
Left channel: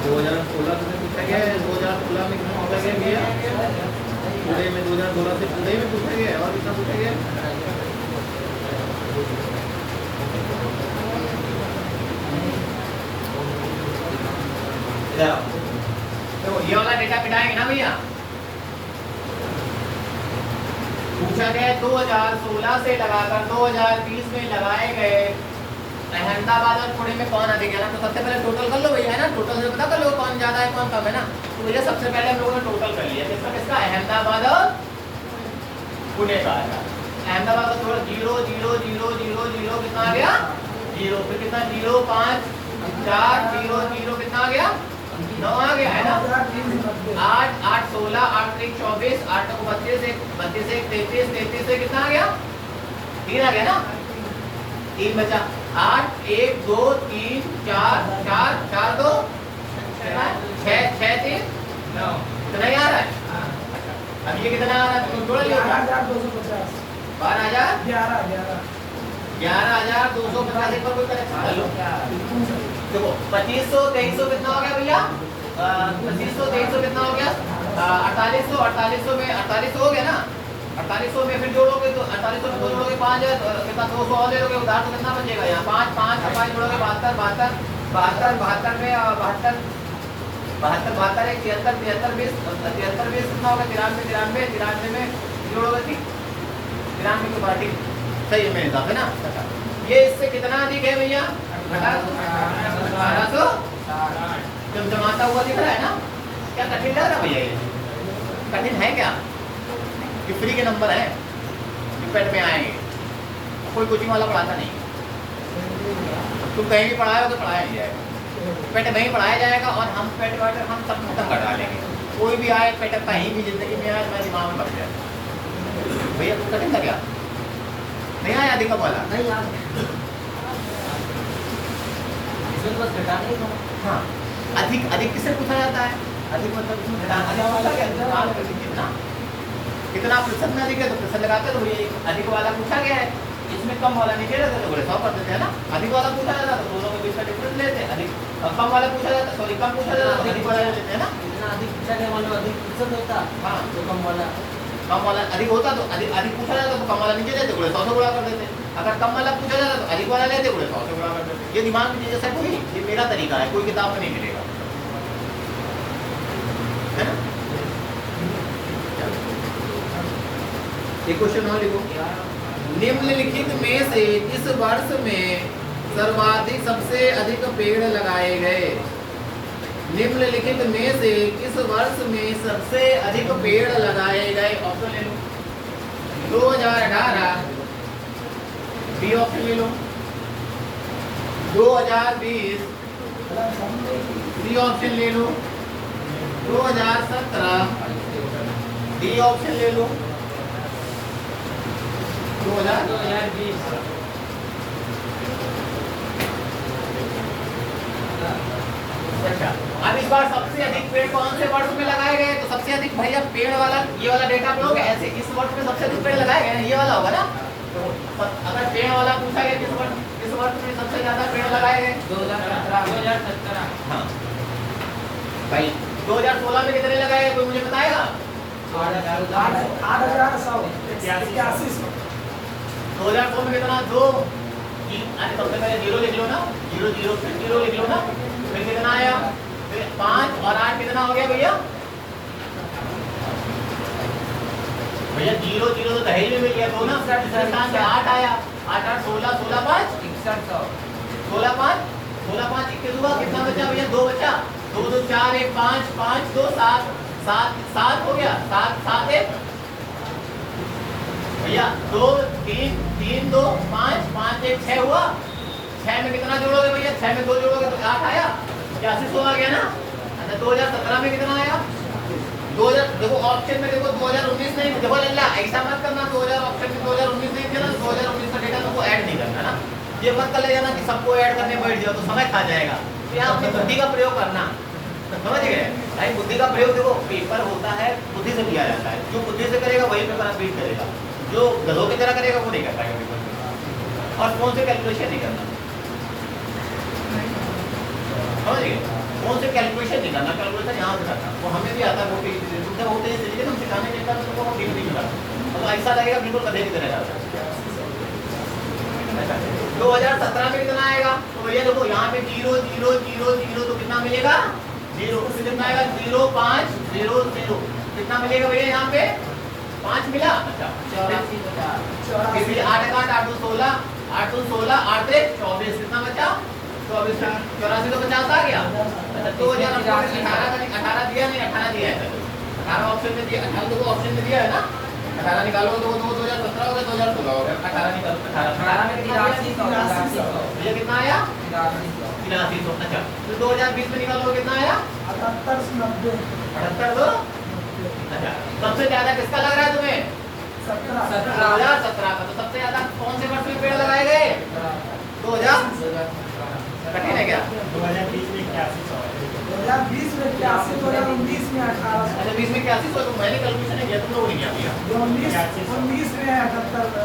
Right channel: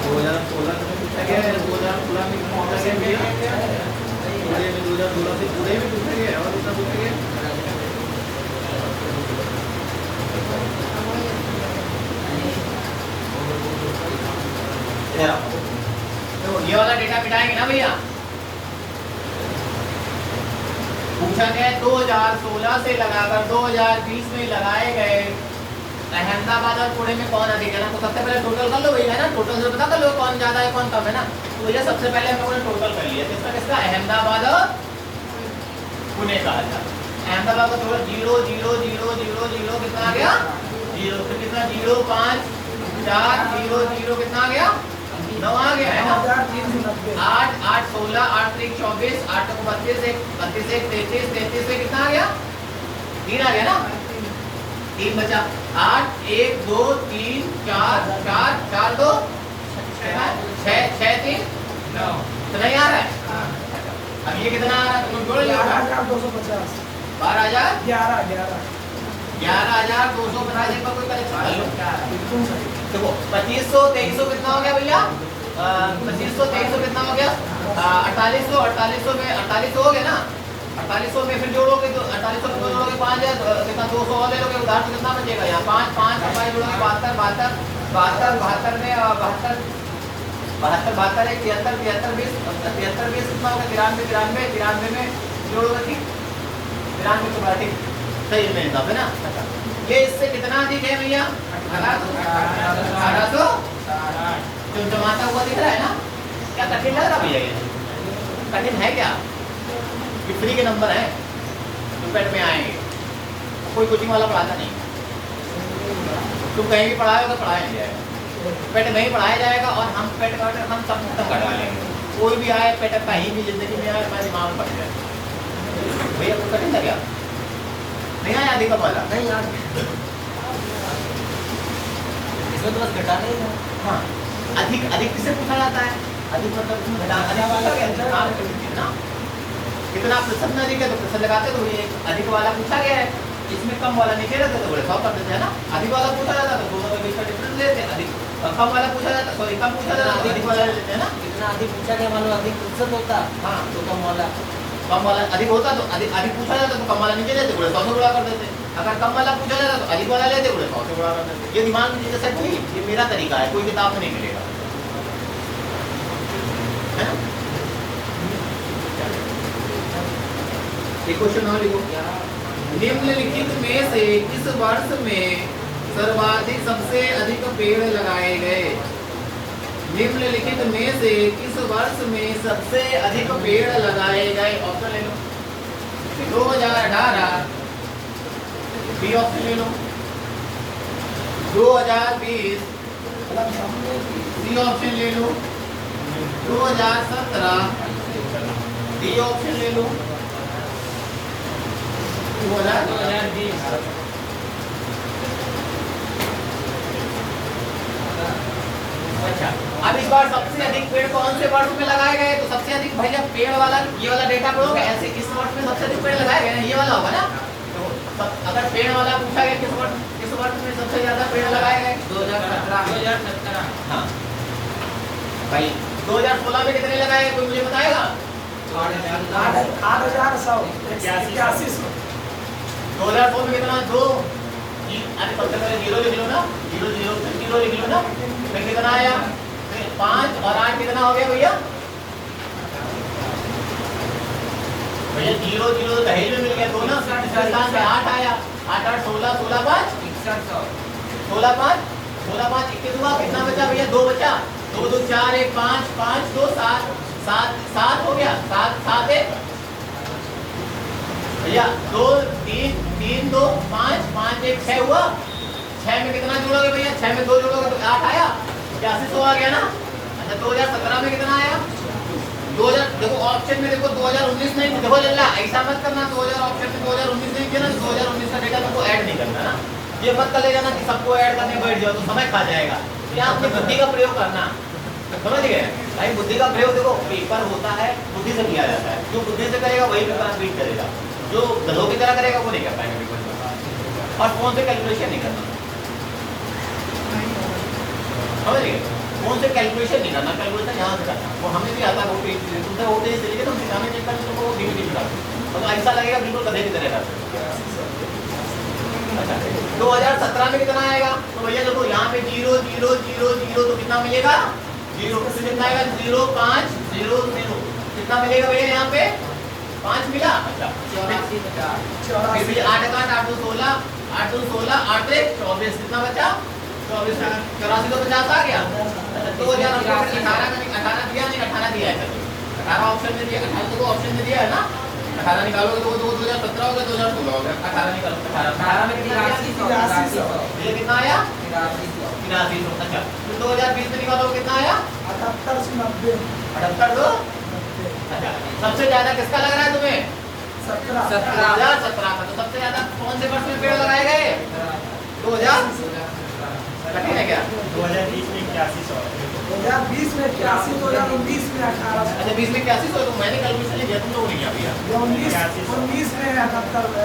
2016 में पूछा गया है, 2016 में कितना पूछा गया है, पूरे में 2016 से पूरे में पूछा गया है, और कितना पूछा गया है। तो ये वाला डेटा मिटाएंगे ना भैया। पूछा गया है 2016 से लगाकर 2020 में लगाए गए अहमदाबाद और पुणे में कौन अधिक है ना। तो सबसे पहले टोटल कर लो भैया, है ना, टोटल से पता कर लो कौन ज्यादा है कौन कम है ना। तो भैया सबसे पहले हम लोगों ने टोटल कर लिया, किसका किसका, अहमदाबाद और पुणे का। अहमदाबाद का थोड़ा 0 0 0 0 0 कितना आ गया 0, फिर कितना 0 5 4 0 0 कितना आ गया 9 आ गया, है ना। 8 8 16 8 3 24 8 को 32 1 32 1 33 33 से कितना आ गया 3 आ गया ना, 3 बचा। 8 1 2 3 4 4 4 2 6 6 3 9 कितना ही आ रहा है। अब ये कितना आ रहा है, तुम जोड़ लियो 1250 12,000 11,250 एक बार कोई करेक्शन देखो 2500 2300 कितना हो गया भैया 2500 2300 कितना हो गया 4800 4800 में 4800 हो गया ना। 4800 में फिर जोड़ोगे तो 4800 में जोड़ोगे 5000 कितना 200 और ले लोगे उधार तो कितना बचेगा यहाँ 5 5 5 जोड़ोगे 72 72 में 72 72 है 73 73 20 कितना होगा 93 93 में जोड़ोगे ठीक 93 के बाद ठीक सही है मेरे हिसाब से ना। ये इससे कितना अधिक है भैया 1800 जब जमाता हुआ दिख रहा है ना। क्या कठिन लग रहा भैया, ये कठिन है क्या, ये फ्री के नंबर है पेट में आएंगे, कोई कोचिंग वाला पढ़ाता नहीं। तुम कहीं भी पढ़ाओगे तो पढ़ाया नहीं जाएगा, पेट नहीं पढ़ाया जाएगा और हम पेट हम सब खत्म करवा लेंगे। कोई भी आए पेट कहीं भी जिंदगी में आए मेरे दिमाग में पड़ जाए भैया कुछ कठिन लग गया नहीं आया अधिक वाला नहीं यार इसमें तो बस घटाना ही था। हाँ अधिक अधिक किससे पूछा जाता है, अधिक मतलब इसमें घटाना अधिक वाला क्या ना कितना प्रतिशत में अधिक है तो प्रतिशत लगाते तो ये अधिक वाला पूछा गया है, इसमें कम वाला नीचे रहता तो बोले 100 कर देते हैं ना। अधिक वाला पूछा जाता तो दोनों के बीच का डिफरेंस लेते हैं, अधिक कम वाला पूछा जाता सॉरी कम पूछा जाता तो अधिक वाला ले लेते हैं ना। इतना अधिक पूछा गया, मान लो अधिक प्रतिशत होता हाँ तो कम वाला अधिक होता तो अधिक पूछा जाता तो कम वाला नीचे लेते बोले 100 से गुणा कर देते, अगर कम वाला पूछा जाता तो अधिक वाला लेते बोले 100 से गुणा कर देते। ये दिमाग में जैसा कोई ये मेरा तरीका है, कोई किताब में नहीं मिलेगा, है ना। एक क्वेश्चन और लिखो, निम्नलिखित में से किस वर्ष में सर्वाधिक सबसे अधिक पेड़ लगाए गए? निम्नलिखित में से किस वर्ष में सबसे अधिक पेड़ लगाए गए? ऑप्शन ले लो, 2018 बी ऑप्शन ले लो, 2020 सी ऑप्शन ले लो, 2017 डी ऑप्शन ले लो, 2020 अच्छा। अब इस बार सबसे अधिक पेड़ कौन से वर्ष में लगाए गए? तो सबसे अधिक भैया पेड़ वाला ये वाला डेटा पे होगा, ऐसे इस वर्ष में सबसे अधिक पेड़ लगाए गए ये वाला होगा ना। तो अगर पेड़ वाला पूछा गया किस वर्ष में सबसे ज्यादा पेड़ लगाए गए? 2017 हाँ भाई 2016 में कितने लगाए गए कोई मुझे बताएगा? 2004 में कितना? 2। अरे सबसे पहले 0 लिख लो ना, 0 0 फिर 0 लिख लो ना, फिर कितना आया? फिर 5 और 8 कितना हो गया भैया? भैया 0 0 तो दहेज में मिल गया तो ना, इसके स्थान पे 8 आया, 8 8 16 16 5 16 5 16 5 21 हुआ, कितना बचा भैया? 2 बचा, 2 2 4 1 5 5 2 7 7 7 हो गया, 7 7 1 भैया 2 3 3 2 5 5 1 6 हुआ, 6 में कितना जोड़ोगे भैया? 6 में 2 जोड़ोगे तो 8 आया, 81 आ गया ना। अच्छा 2017 में कितना आया? 2000 देखो ऑप्शन में देखो 2019 नहीं देखो जल्ला ऐसा मत करना, 2000 ऑप्शन में 2019 नहीं किया ना, 2019 का डेटा तुमको ऐड नहीं करना ना, ये मत कर ले जाना कि सबको ऐड करने बैठ जाओ तो समय खा जाएगा। ये आपने बुद्धि का प्रयोग करना, समझ गए भाई। बुद्धि का प्रयोग देखो पेपर होता है बुद्धि से किया जाता है, जो बुद्धि से करेगा वही पेपर आप बीट करेगा, जो गधों की तरह करेगा वो नहीं कर पाएगा पेपर। और फोन से कैलकुलेशन नहीं करना, समझ गए? फोन से कैलकुलेशन नहीं करना, कैलकुलेशन यहाँ से करना, वो हमें भी आता है, वो तुमसे होते हैं इसलिए तुम सिखाने के लिए तुमको वो धीरे धीरे तो ऐसा लगेगा बिल्कुल गधे की तरह करते। अच्छा 2017 में कितना आएगा? तो भैया देखो यहाँ पे 0 0 0 0 तो कितना मिलेगा? 0 कितना आएगा? 0 5 0 0 कितना मिलेगा भैया यहाँ पे? 5 मिला। अच्छा 84 8 8 2 16 8 2 16 8 1 24 कितना बचा? 24 84 तो 50 आ गया। अच्छा 2018 का 18 दिया नहीं, 18 दिया है, 18 ऑप्शन में दिया, 18 को ऑप्शन में दिया है ना, 18 निकालोगे तो 2017 हो गया, 2016 हो गया, 18 निकालो, 18 में कितना आया? 8300। अच्छा तो 2020 में निकालोगे कितना आया? 78 तो अच्छा सबसे ज्यादा किसका लग रहा है तुम्हें? 2017 का। तो सबसे ज्यादा कौन से वर्ष में पेड़ लगाए गए? 2000 कठिन है क्या? 2020 में 8100, 2020 में 81, 2019 में 18, अच्छा 20 में 81 तो मैंने कैलकुलेशन नहीं दिया, तुम लोगों ने क्या किया? 19 में 78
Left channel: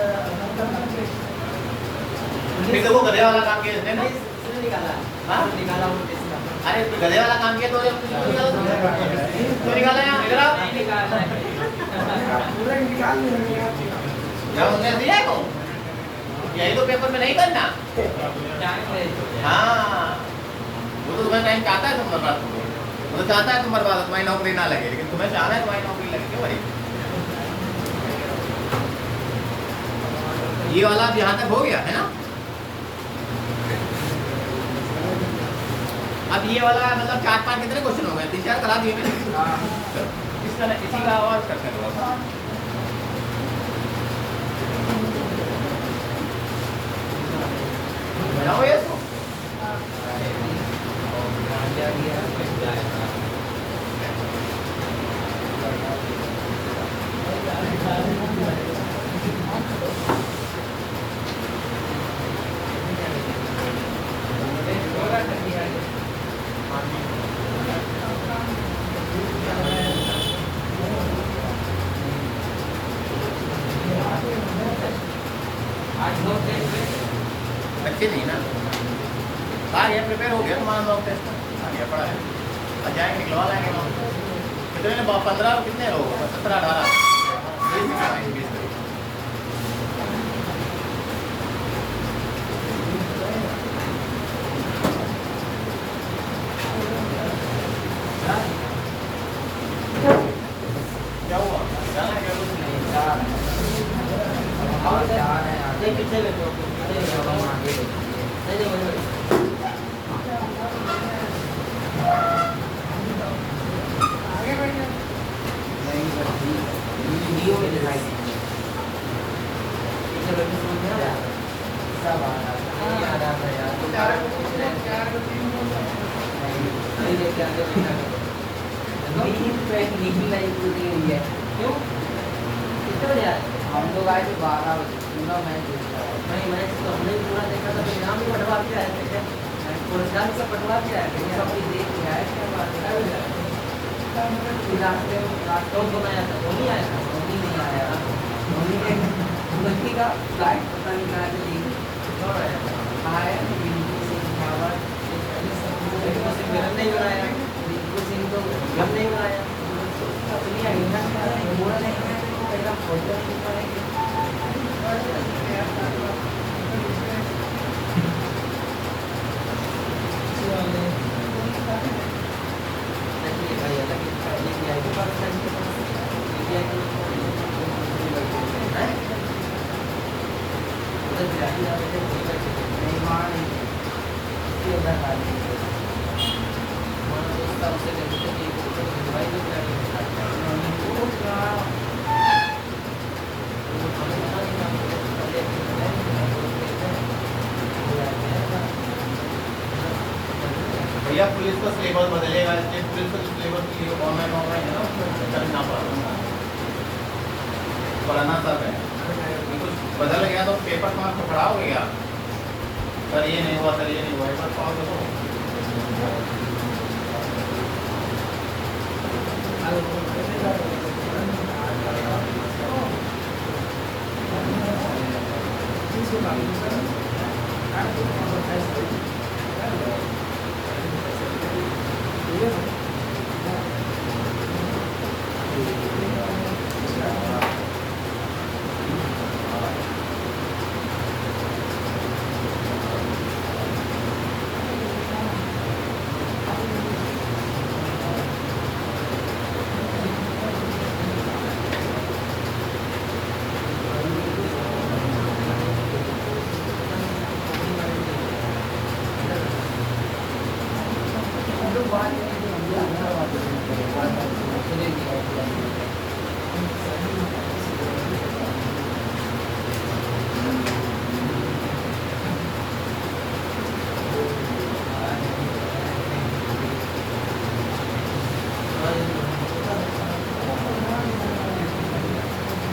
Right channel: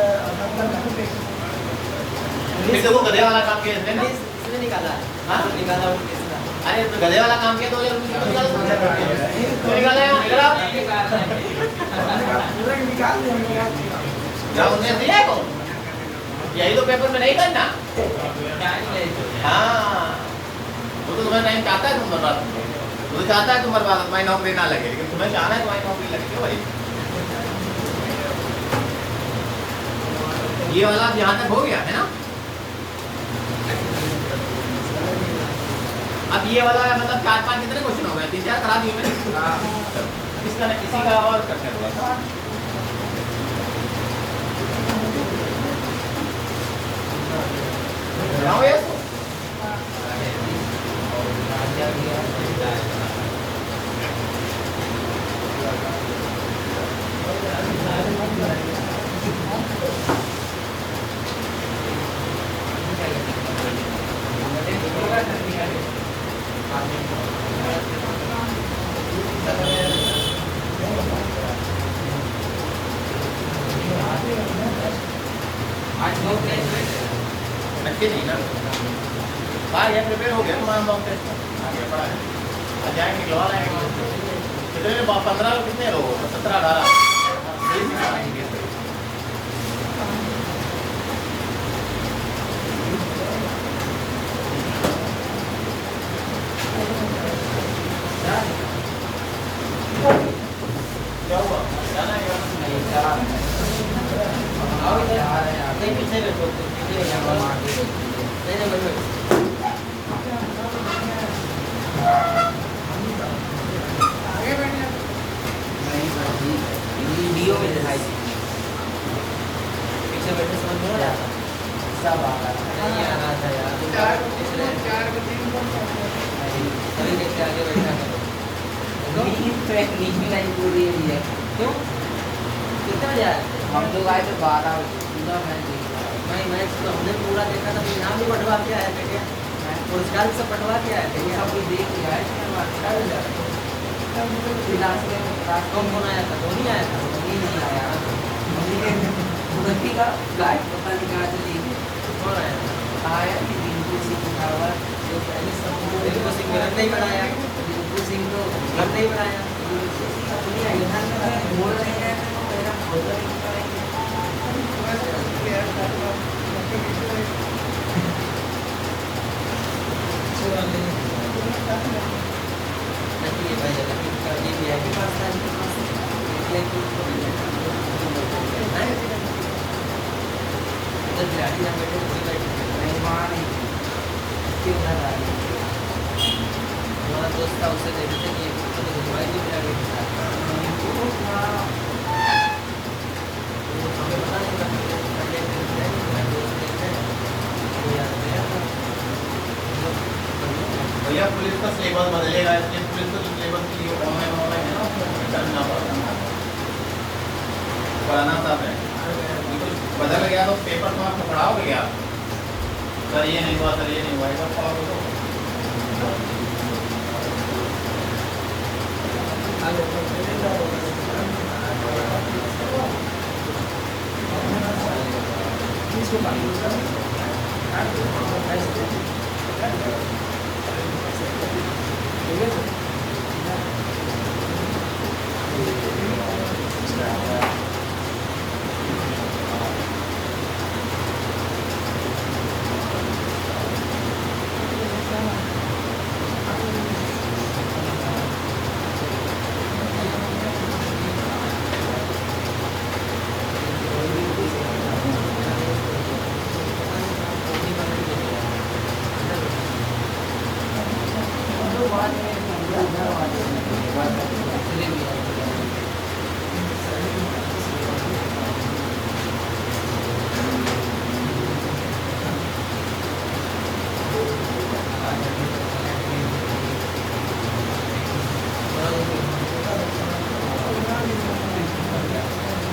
फिर देखो गधे वाला काम किया इसने ना, इसने निकाला हाँ? निकाला वो कैसे ना अरे तो गधे वाला काम किया तो निकाला है इधर आओ, पूरा निकाल देंगे। क्या उन्हें दिया को यही तो पेपर में नहीं करना। हाँ वो तो तुम्हें टाइम चाहता है तुम बर्बाद, वो तो चाहता है तुम बर्बाद, तुम्हारी नौकरी ना लगे, लेकिन तुम्हें चाहना है तुम्हारी नौकरी लगे। क्यों भाई? ये वाला अब यहाँ तक हो गया है ना। अब ये वाला मतलब 4-5 कितने क्वेश्चन हो गए? 3-4 करा दिए मैंने। इसका इसी का और करने दो। कराओ ये तो। अच्छी नहीं ना। बाहर ये प्रिपेयर हो गया तुम्हारा लोग पे आ गया पड़ा है। आ जाएंगे लॉ लाएंगे कितने 15 कितने लोग 17 18 क्या हुआ जाना है क्या? नहीं चार है। आओ इधर। चार है यार। नहीं, पीछे बैठो, पीछे बैठो। नहीं, नहीं, बैठो। आगे बैठिए। वीडियो में दिखाई दी। पीछे बैठे समझ में आया? सब आता नहीं आ रहा था यार। तुम चार नहीं, को 3 को सभी देख के आगे बैठा करो। नींद पे नींद नहीं पूरी हुई है। क्यों? कितने बजे आए थे? हम लोग आए थे 12 बजे। पूरा मैच देखा। नहीं मैच तो हमने पूरा देखा था। फिर यहाँ भी पटवा के आए थे क्या? पुरस्कार से पटवा के आए थे। यहाँ भी देख के आए थे। फिर लास्ट कौन कौन आया था? धोनी आया था? धोनी नहीं आया। धोनी ने धोनी का फ्लाइट पता नहीं कहाँ से लेके कौन आया था? आया रिंकू सिंह रावत। रिंकू सिंह गलत नहीं बनाया। रिंकू सिंह तो गलत नहीं बनाया। अपनी आई बोल नहीं है तो मेरा फोटो नहीं पाएंगे। लकी भैया लकी कभी भी आई के पास था इनके पास ये कि नहीं उधर जाती है बेटे कोई बैठे नहीं मां नहीं क्यों ना भाई हमारा दोस्त था उसे ले देते कि एक भाई को बिना के साथ वो हमें पता नहीं था पहले नहीं दोस्त देखते हैं कोई आते हैं भैया पुलिस का सिलेबस बदलेगा इसलिए पुलिस को सिलेबस की ऑनलाइन है ना उसमें करना पढ़ाना सब है। तो बदल गया तो पेपर तो आपको पढ़ाओगे क्या? सर ये नहीं हुआ सर ये नहीं हुआ ऐसा पढ़ाओगे तो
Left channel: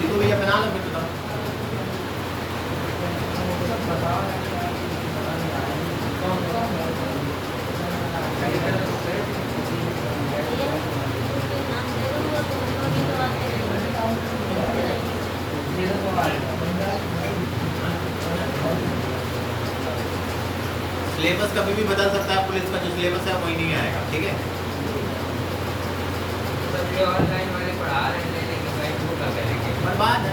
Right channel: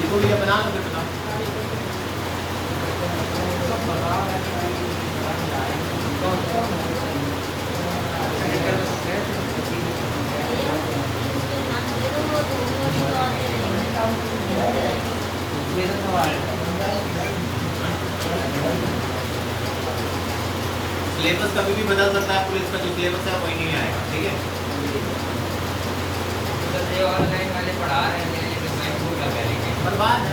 देखो भैया बना लो फिर बताओ। सिलेबस कभी भी बदल सकता है पुलिस का जो सिलेबस है वही नहीं आएगा ठीक है। तो ये ऑनलाइन वाले पढ़ा रहे हैं लेकिन मैं भूल लगा लेकिन बर्बाद है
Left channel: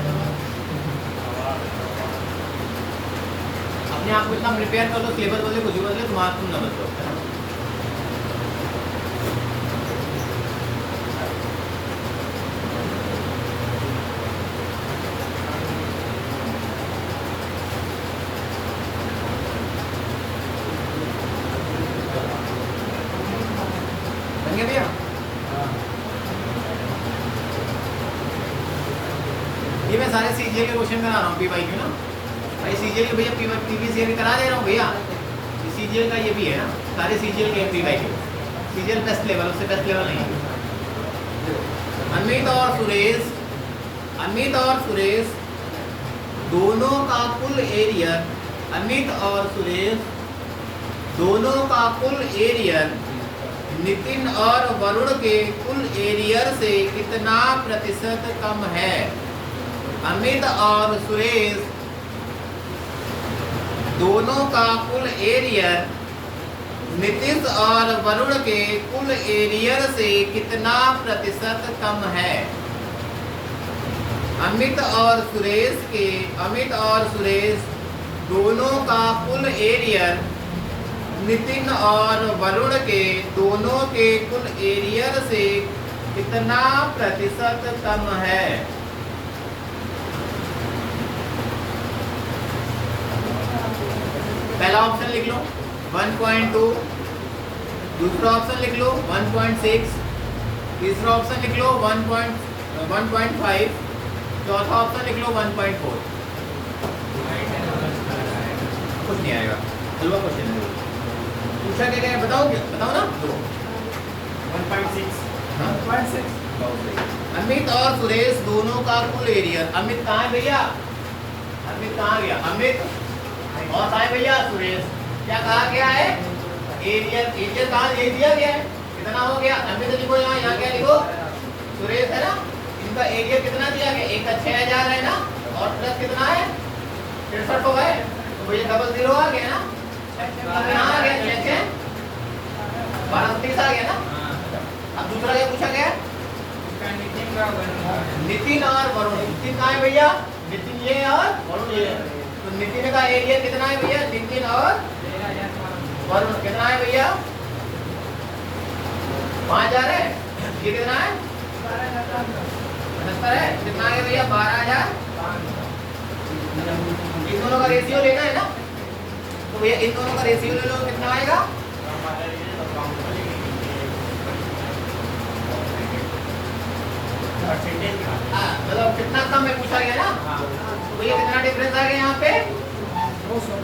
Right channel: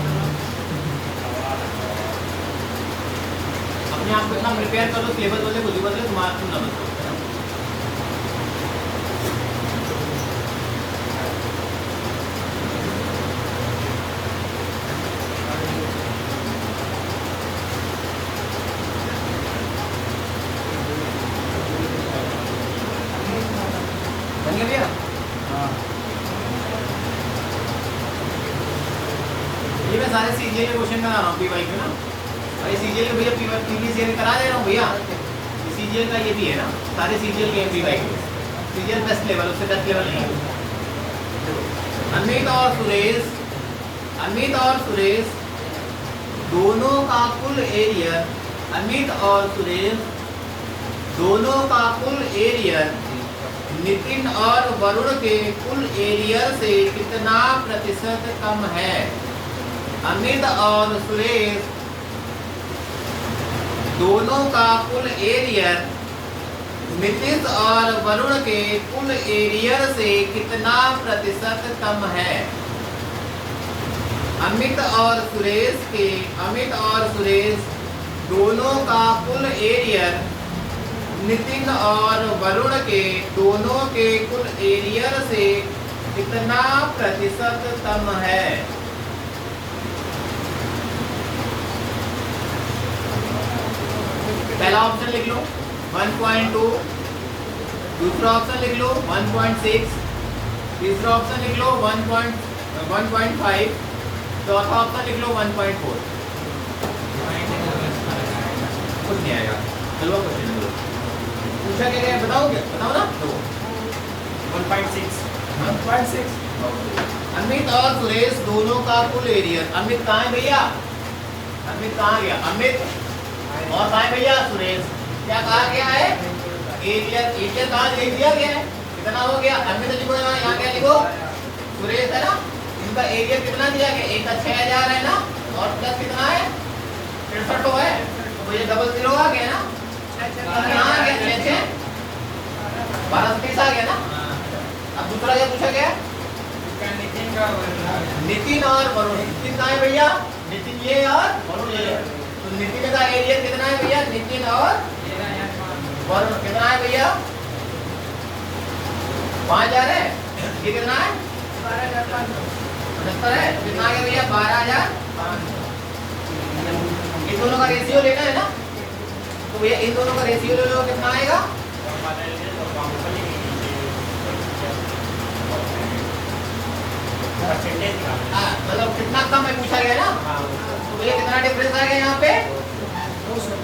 अपने आप को इतना प्रिपेयर कर लो सिलेबस बदले खुद ही बदले तो मार्क्स तुम लगा दो। बन गया भैया? ये मैं सारे सीजीएल के क्वेश्चन बना रहा हूँ पीवाई के ना। भाई सीजीएल के भैया पीवीसीएल में करा दे रहा हूँ भैया। सीजीएल का ये भी है ना सारे सीजीएल के पीवाई के सीजीएल बेस्ट लेवल उससे बेस्ट लेवल नहीं। अमित और सुरेश दोनों का कुल एरिया अमित और सुरेश दोनों का कुल एरियर नितिन और वरुण के कुल एरियर से कितना प्रतिशत कम है? अमित और सुरेश दोनों का कुल एरियर नीतीश और वरुण के कुल एरियर से कितना प्रतिशत कम है? अमित और सुरेश दोनों का कुल एरियर नितिन और वरुण के दोनों के कुल एरियर से कितना प्रतिशत कम है? पहला ऑप्शन लिख लो 1.2, दूसरा ऑप्शन लिख लो 1.6, तीसरा ऑप्शन लिख लो 1.5, चौथा ऑप्शन लिख लो 1.4। कुछ नहीं आएगा। चलो क्वेश्चन बोलो, पूछा क्या क्या बताओगे? बताओ ना। 1.6 अमित और सुरेश दोनों का कुल एरियर, अमित कहाँ है भैया? अमित कहाँ गया? अमित और कहाँ है भैया? सुरेश। क्या कहा गया है? एरियर कहाँ दे दिया गया है? कितना हो गया? अमित लिखो, यहाँ क्या लिखो? सुरेश है ना, इनका एरिया कितना दिया गया? एक का 6000 है ना, और प्लस कितना है? 63 है, तो ये डबल 0 आ गया ना। यहाँ आ गया 6 12 आ गया ना। अब दूसरा क्या पूछा गया? नितिन और वरुण। नितिन कहाँ है भैया? नितिन ये और वरुण ये। तो नितिन का एरिया कितना है भैया? नितिन और वरुण कितना है भैया? 5000 है। ये कितना है? 75 है। कितना है भैया? 12000। इन दोनों का रेशियो लेना है ना, तो भैया इन दोनों का रेशियो ले लो, कितना आएगा? मतलब कितना कम में पूछा गया ना, तो भैया कितना डिफरेंस आ गया यहाँ पे?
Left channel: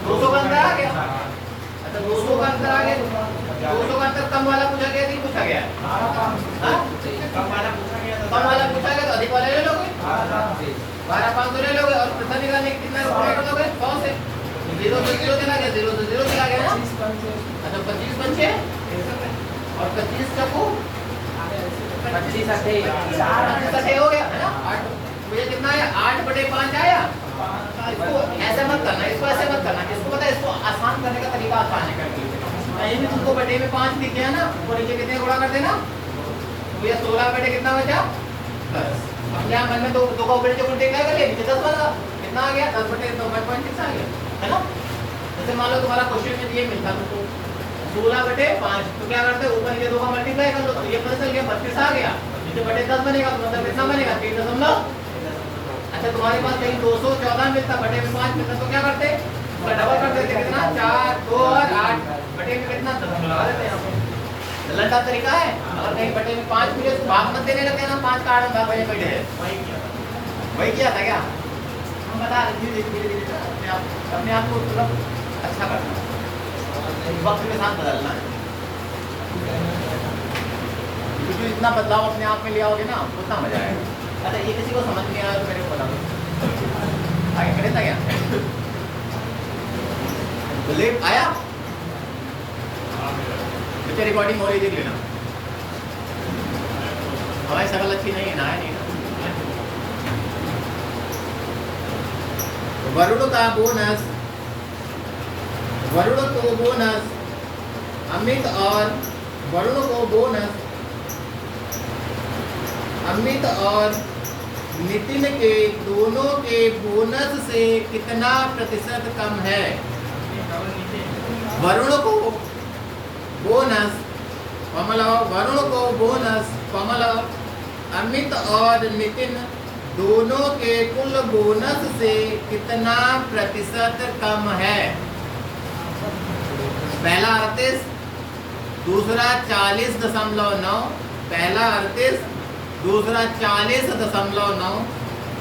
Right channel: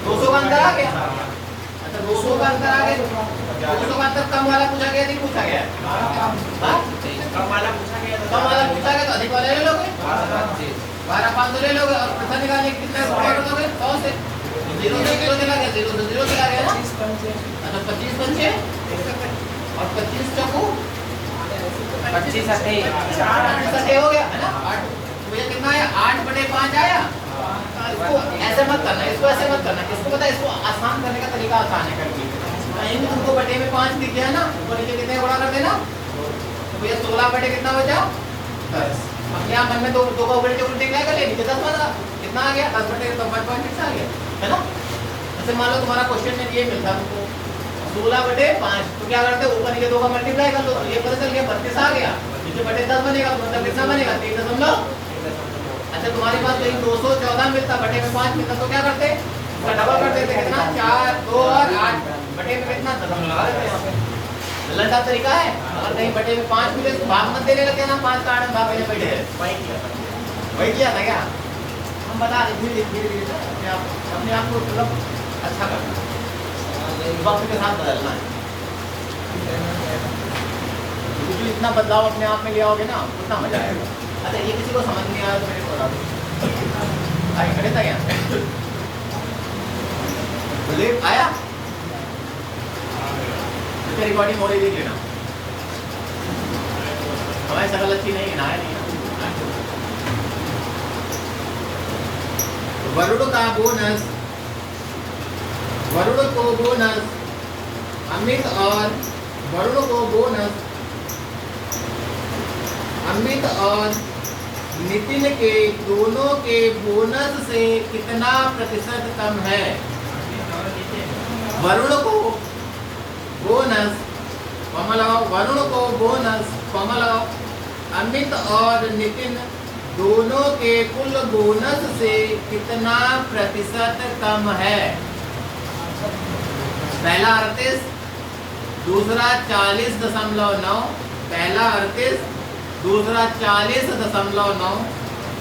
200 का अंतर आ गया। अच्छा 200 का अंतर आ गया, 200 का अंतर कम वाला पूछा गया, नहीं पूछा गया? कम वाला पूछा गया तो अधिक वाला ले लोगे, 12,500 ले लोगे, और प्रश्न निकालने के कितने रुपए कर दोगे? 100 से 0 से 0 चला गया, 0 से 0 चला गया ना। अच्छा 25 पंचे और 25 चक्कू 25 अठे हो गया है ना। 8 मुझे कितना है? 8/5 आया। इसको ऐसे मत करना, इसको ऐसे मत करना, इसको पता है, इसको आसान करने का तरीका आसान है करके। कहीं भी तुमको बटे में 5 दिख गया ना, ऊपर नीचे कितने गुणा कर देना, तो भैया 16 बटे कितना बचा? 10। अब यहाँ मन में दो का उल्टे उल्टे क्या कर लिया, नीचे 10 बना, कितना आ गया? 10 बटे 1.6 आ गया, है ना। जैसे मान लो तुम्हारा क्वेश्चन में ये मिलता तुमको 16/5, तो क्या करते? ऊपर नीचे 2 का मल्टीप्लाई कर दो, तो ये पता चल गया 32 आ गया। नीचे बटे 10 बनेगा, तो मतलब कितना बनेगा? 3.। अच्छा तुम्हारे पास कहीं 214 मिलता, बटे में 5 मिलता, तो क्या करते? इसका डबल कर देते, कितना? 4, 2 और 8 बटे में कितना? दशमलव लगा देते हैं यहाँ पे। लंडा तरीका है। अगर कहीं बटे में 5 मिले तो भाग मत देने लगे ना, 5 का 8 भाग में बैठे हैं, वही किया था क्या? हम बता रहे धीरे धीरे अपने आप को मतलब अच्छा करना, वक्त के साथ बदलना है। तो इतना बदलाव अपने आप में ले आओगे ना, उतना मजा आएगा। अच्छा ये किसी को समझ नहीं आया तो मेरे को बता दो। आए खड़े था क्या? बोले आया? तो रिकॉर्डिंग हो रही देख लेना। हमारी सरल अच्छी नहीं ना है। वरुण का बोनस, वरुण को बोनस, अमित और वरुण को बोनस, अमित और नितिन के दोनों के बोनस से कितना प्रतिशत कम है? वरुण को बोनस, कॉमा लगाओ, वरुण को बोनस, कॉमा लगाओ, अमित और नितिन दोनों के कुल बोनस से कितना प्रतिशत कम है? पहला 38, दूसरा 40.9, पहला 38, दूसरा 40.9,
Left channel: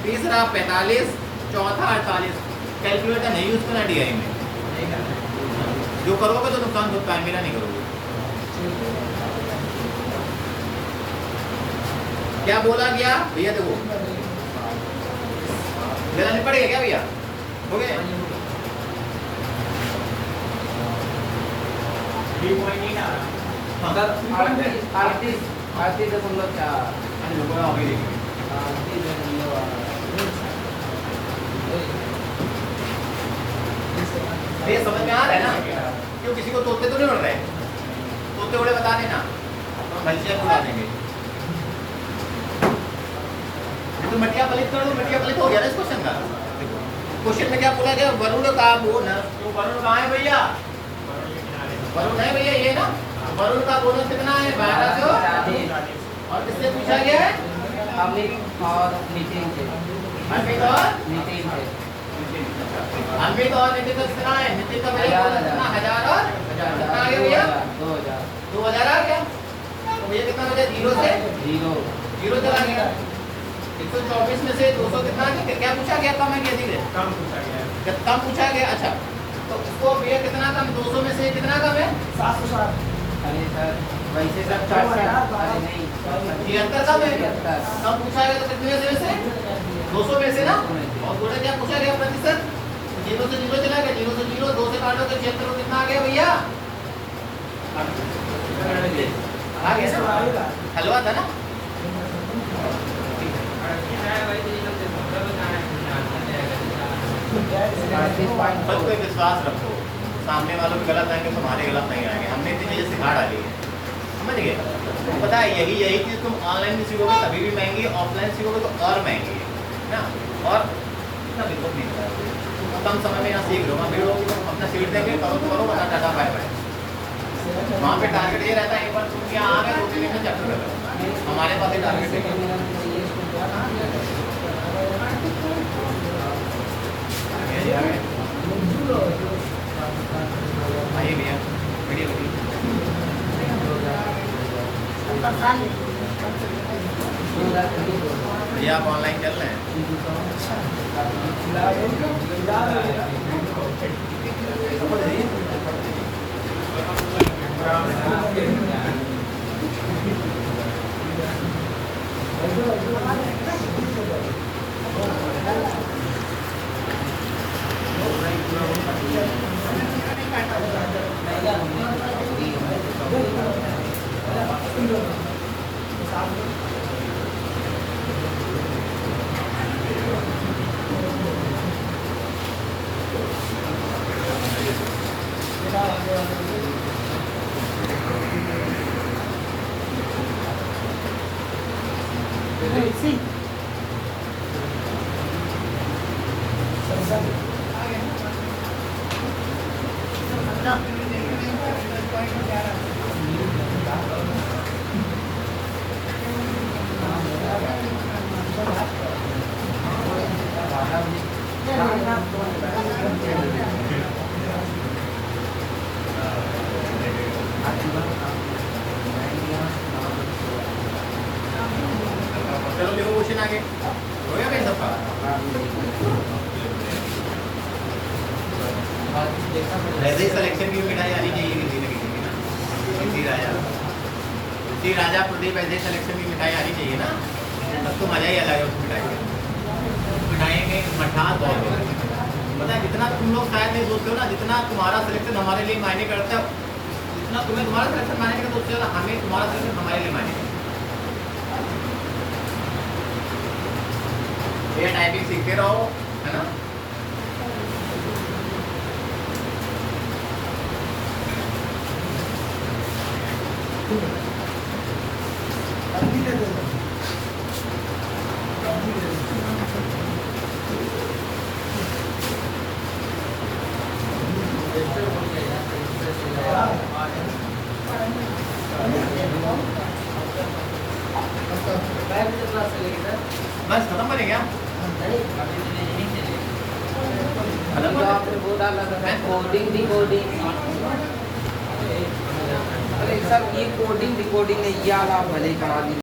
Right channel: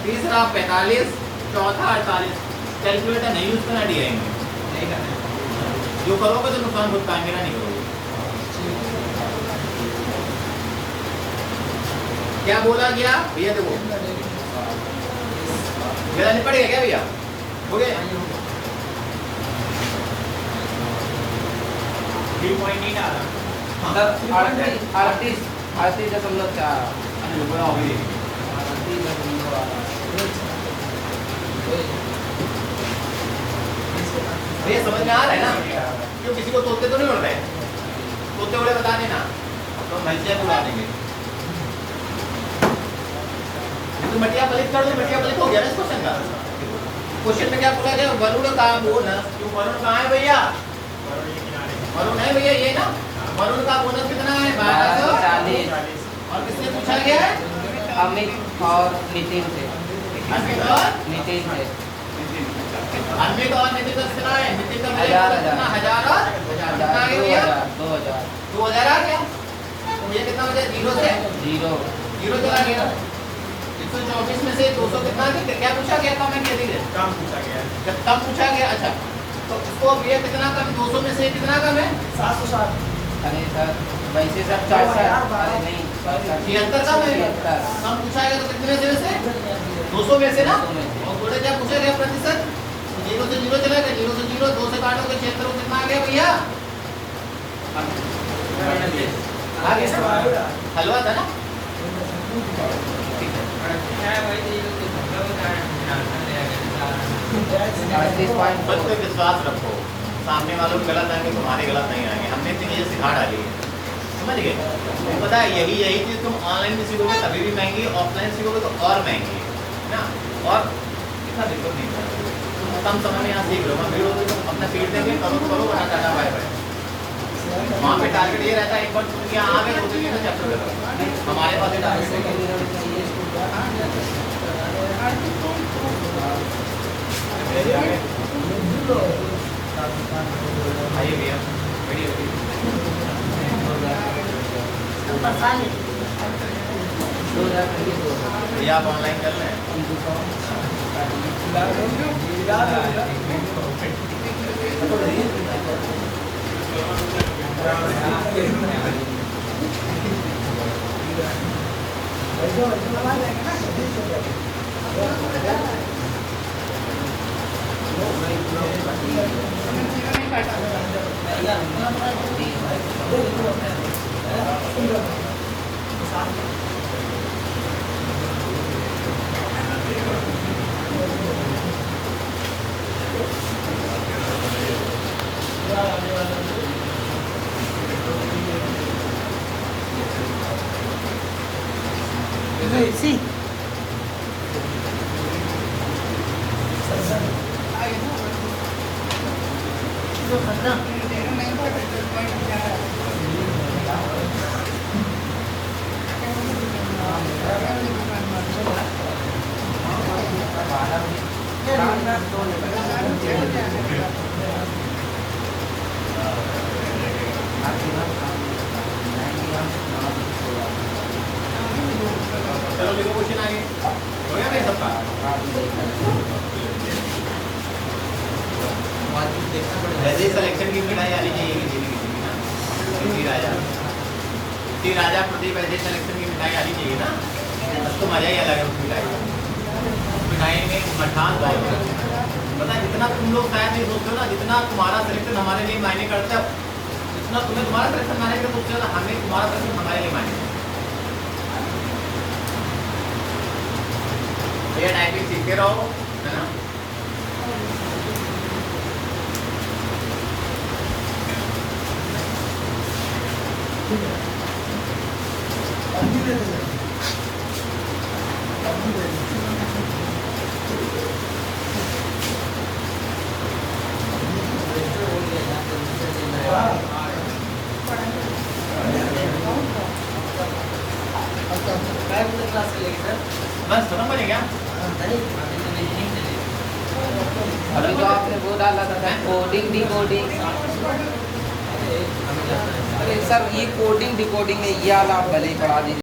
तीसरा 45, चौथा 48। कैलकुलेटर नहीं यूज करना, डी आएंगे। जो करोगे तो नुकसान खुद पाएंगे ना, नहीं करोगे। क्या बोला गया भैया? देखो मेरा नहीं पड़ेगा क्या भैया? हो गया 3.8 आ रहा। 38.4 38.4 ये समझ में आ रहा है ना? क्यों किसी को तोते तो नहीं उड़ रहे? तोते उड़े बता देना, तो भैंसिया उड़ा देंगे। तो मटिया पलित कर दो, मटिया पलित हो गया ना इस क्वेश्चन का। क्वेश्चन में क्या पूछा गया? वरुण का बोनस, क्यों वरुण कहाँ है भैया? वरुण है भैया ये ना, वरुण का बोनस कितना है? 1240। और किससे पूछा गया है? अमित और नितिन से। अमित और नितिन से। अमित और नितिन का कितना है? नितिन का भैया बोनस कितना? 1000 और 1000 कितना आ गया भैया? 2000 आ गया। तो भैया कितना बचा? 0 से 0 चला गया। 124 में से 200 कितना है? क्या पूछा गया? कम है कि अधिक है? कम पूछा गया है। कम पूछा गया। अच्छा तो उसको भैया कितना कम? 200 में से कितना कम है? 760। अरे सर वैसे सब 64। अरे नहीं 76 कम है। कम पूछा गया तो कितने में से? 200 में से ना। और थोड़ा क्या पूछा गया? प्रतिशत 0 से 0 चला गया। 0 से 0 2 से काटोगे 76 कितना आ गया भैया? आ गया। हलवा था ना? बस पे विश्वास रखो, सामने वालों की गलत आएंगे, तुम्हारे गलत नहीं आएंगे। हमने इतनी चीजें सिखा डाली है, समझ गए? तो पता है यही चीज तुम ऑनलाइन भी सीखोगे तभी भी महंगी, ऑफलाइन सीखोगे तो और महंगी है ना। और इतना दिक्कत नहीं होता, तुम कम समय में यहाँ सीख लो। फिर तो अपना सीख देंगे, करो तो करो, वरना टाटा बाय बाय। वहाँ पे टारगेट ये रहता है एक बार तुम यहाँ आ गए तो तीन चैप्टर करो। हमारे पास टारगेट आइए भैया, भैया आप ऑनलाइन कर लें। Sí. चलो देखो क्वेश्चन आगे हो गया भाई सबका। वैसे ही सिलेक्शन की मिठाई आनी चाहिए इसी राजा प्रदीप, ऐसे सिलेक्शन की मिठाई आनी चाहिए ना, तब तो मजा ही अलग है उस मिठाई में। मठान पता है जितना तुम लोग शायद नहीं सोचते हो ना, जितना तुम्हारा सिलेक्शन हमारे लिए मायने करता है, जितना तुम्हें तुम्हारा सिलेक्शन मायने करता है उससे ज़्यादा हमें तुम्हारा सिलेक्शन हमारे लिए मायने। भैया टाइपिंग सीखे रहो, है ना। बस खत्म बने क्या? अभी तो आपने वो डाला था कोडिंग डिकोडिंग। अरे सर ये कोडिंग डिकोडिंग है, ये वाला आप भले ही पढ़ा दीजिए।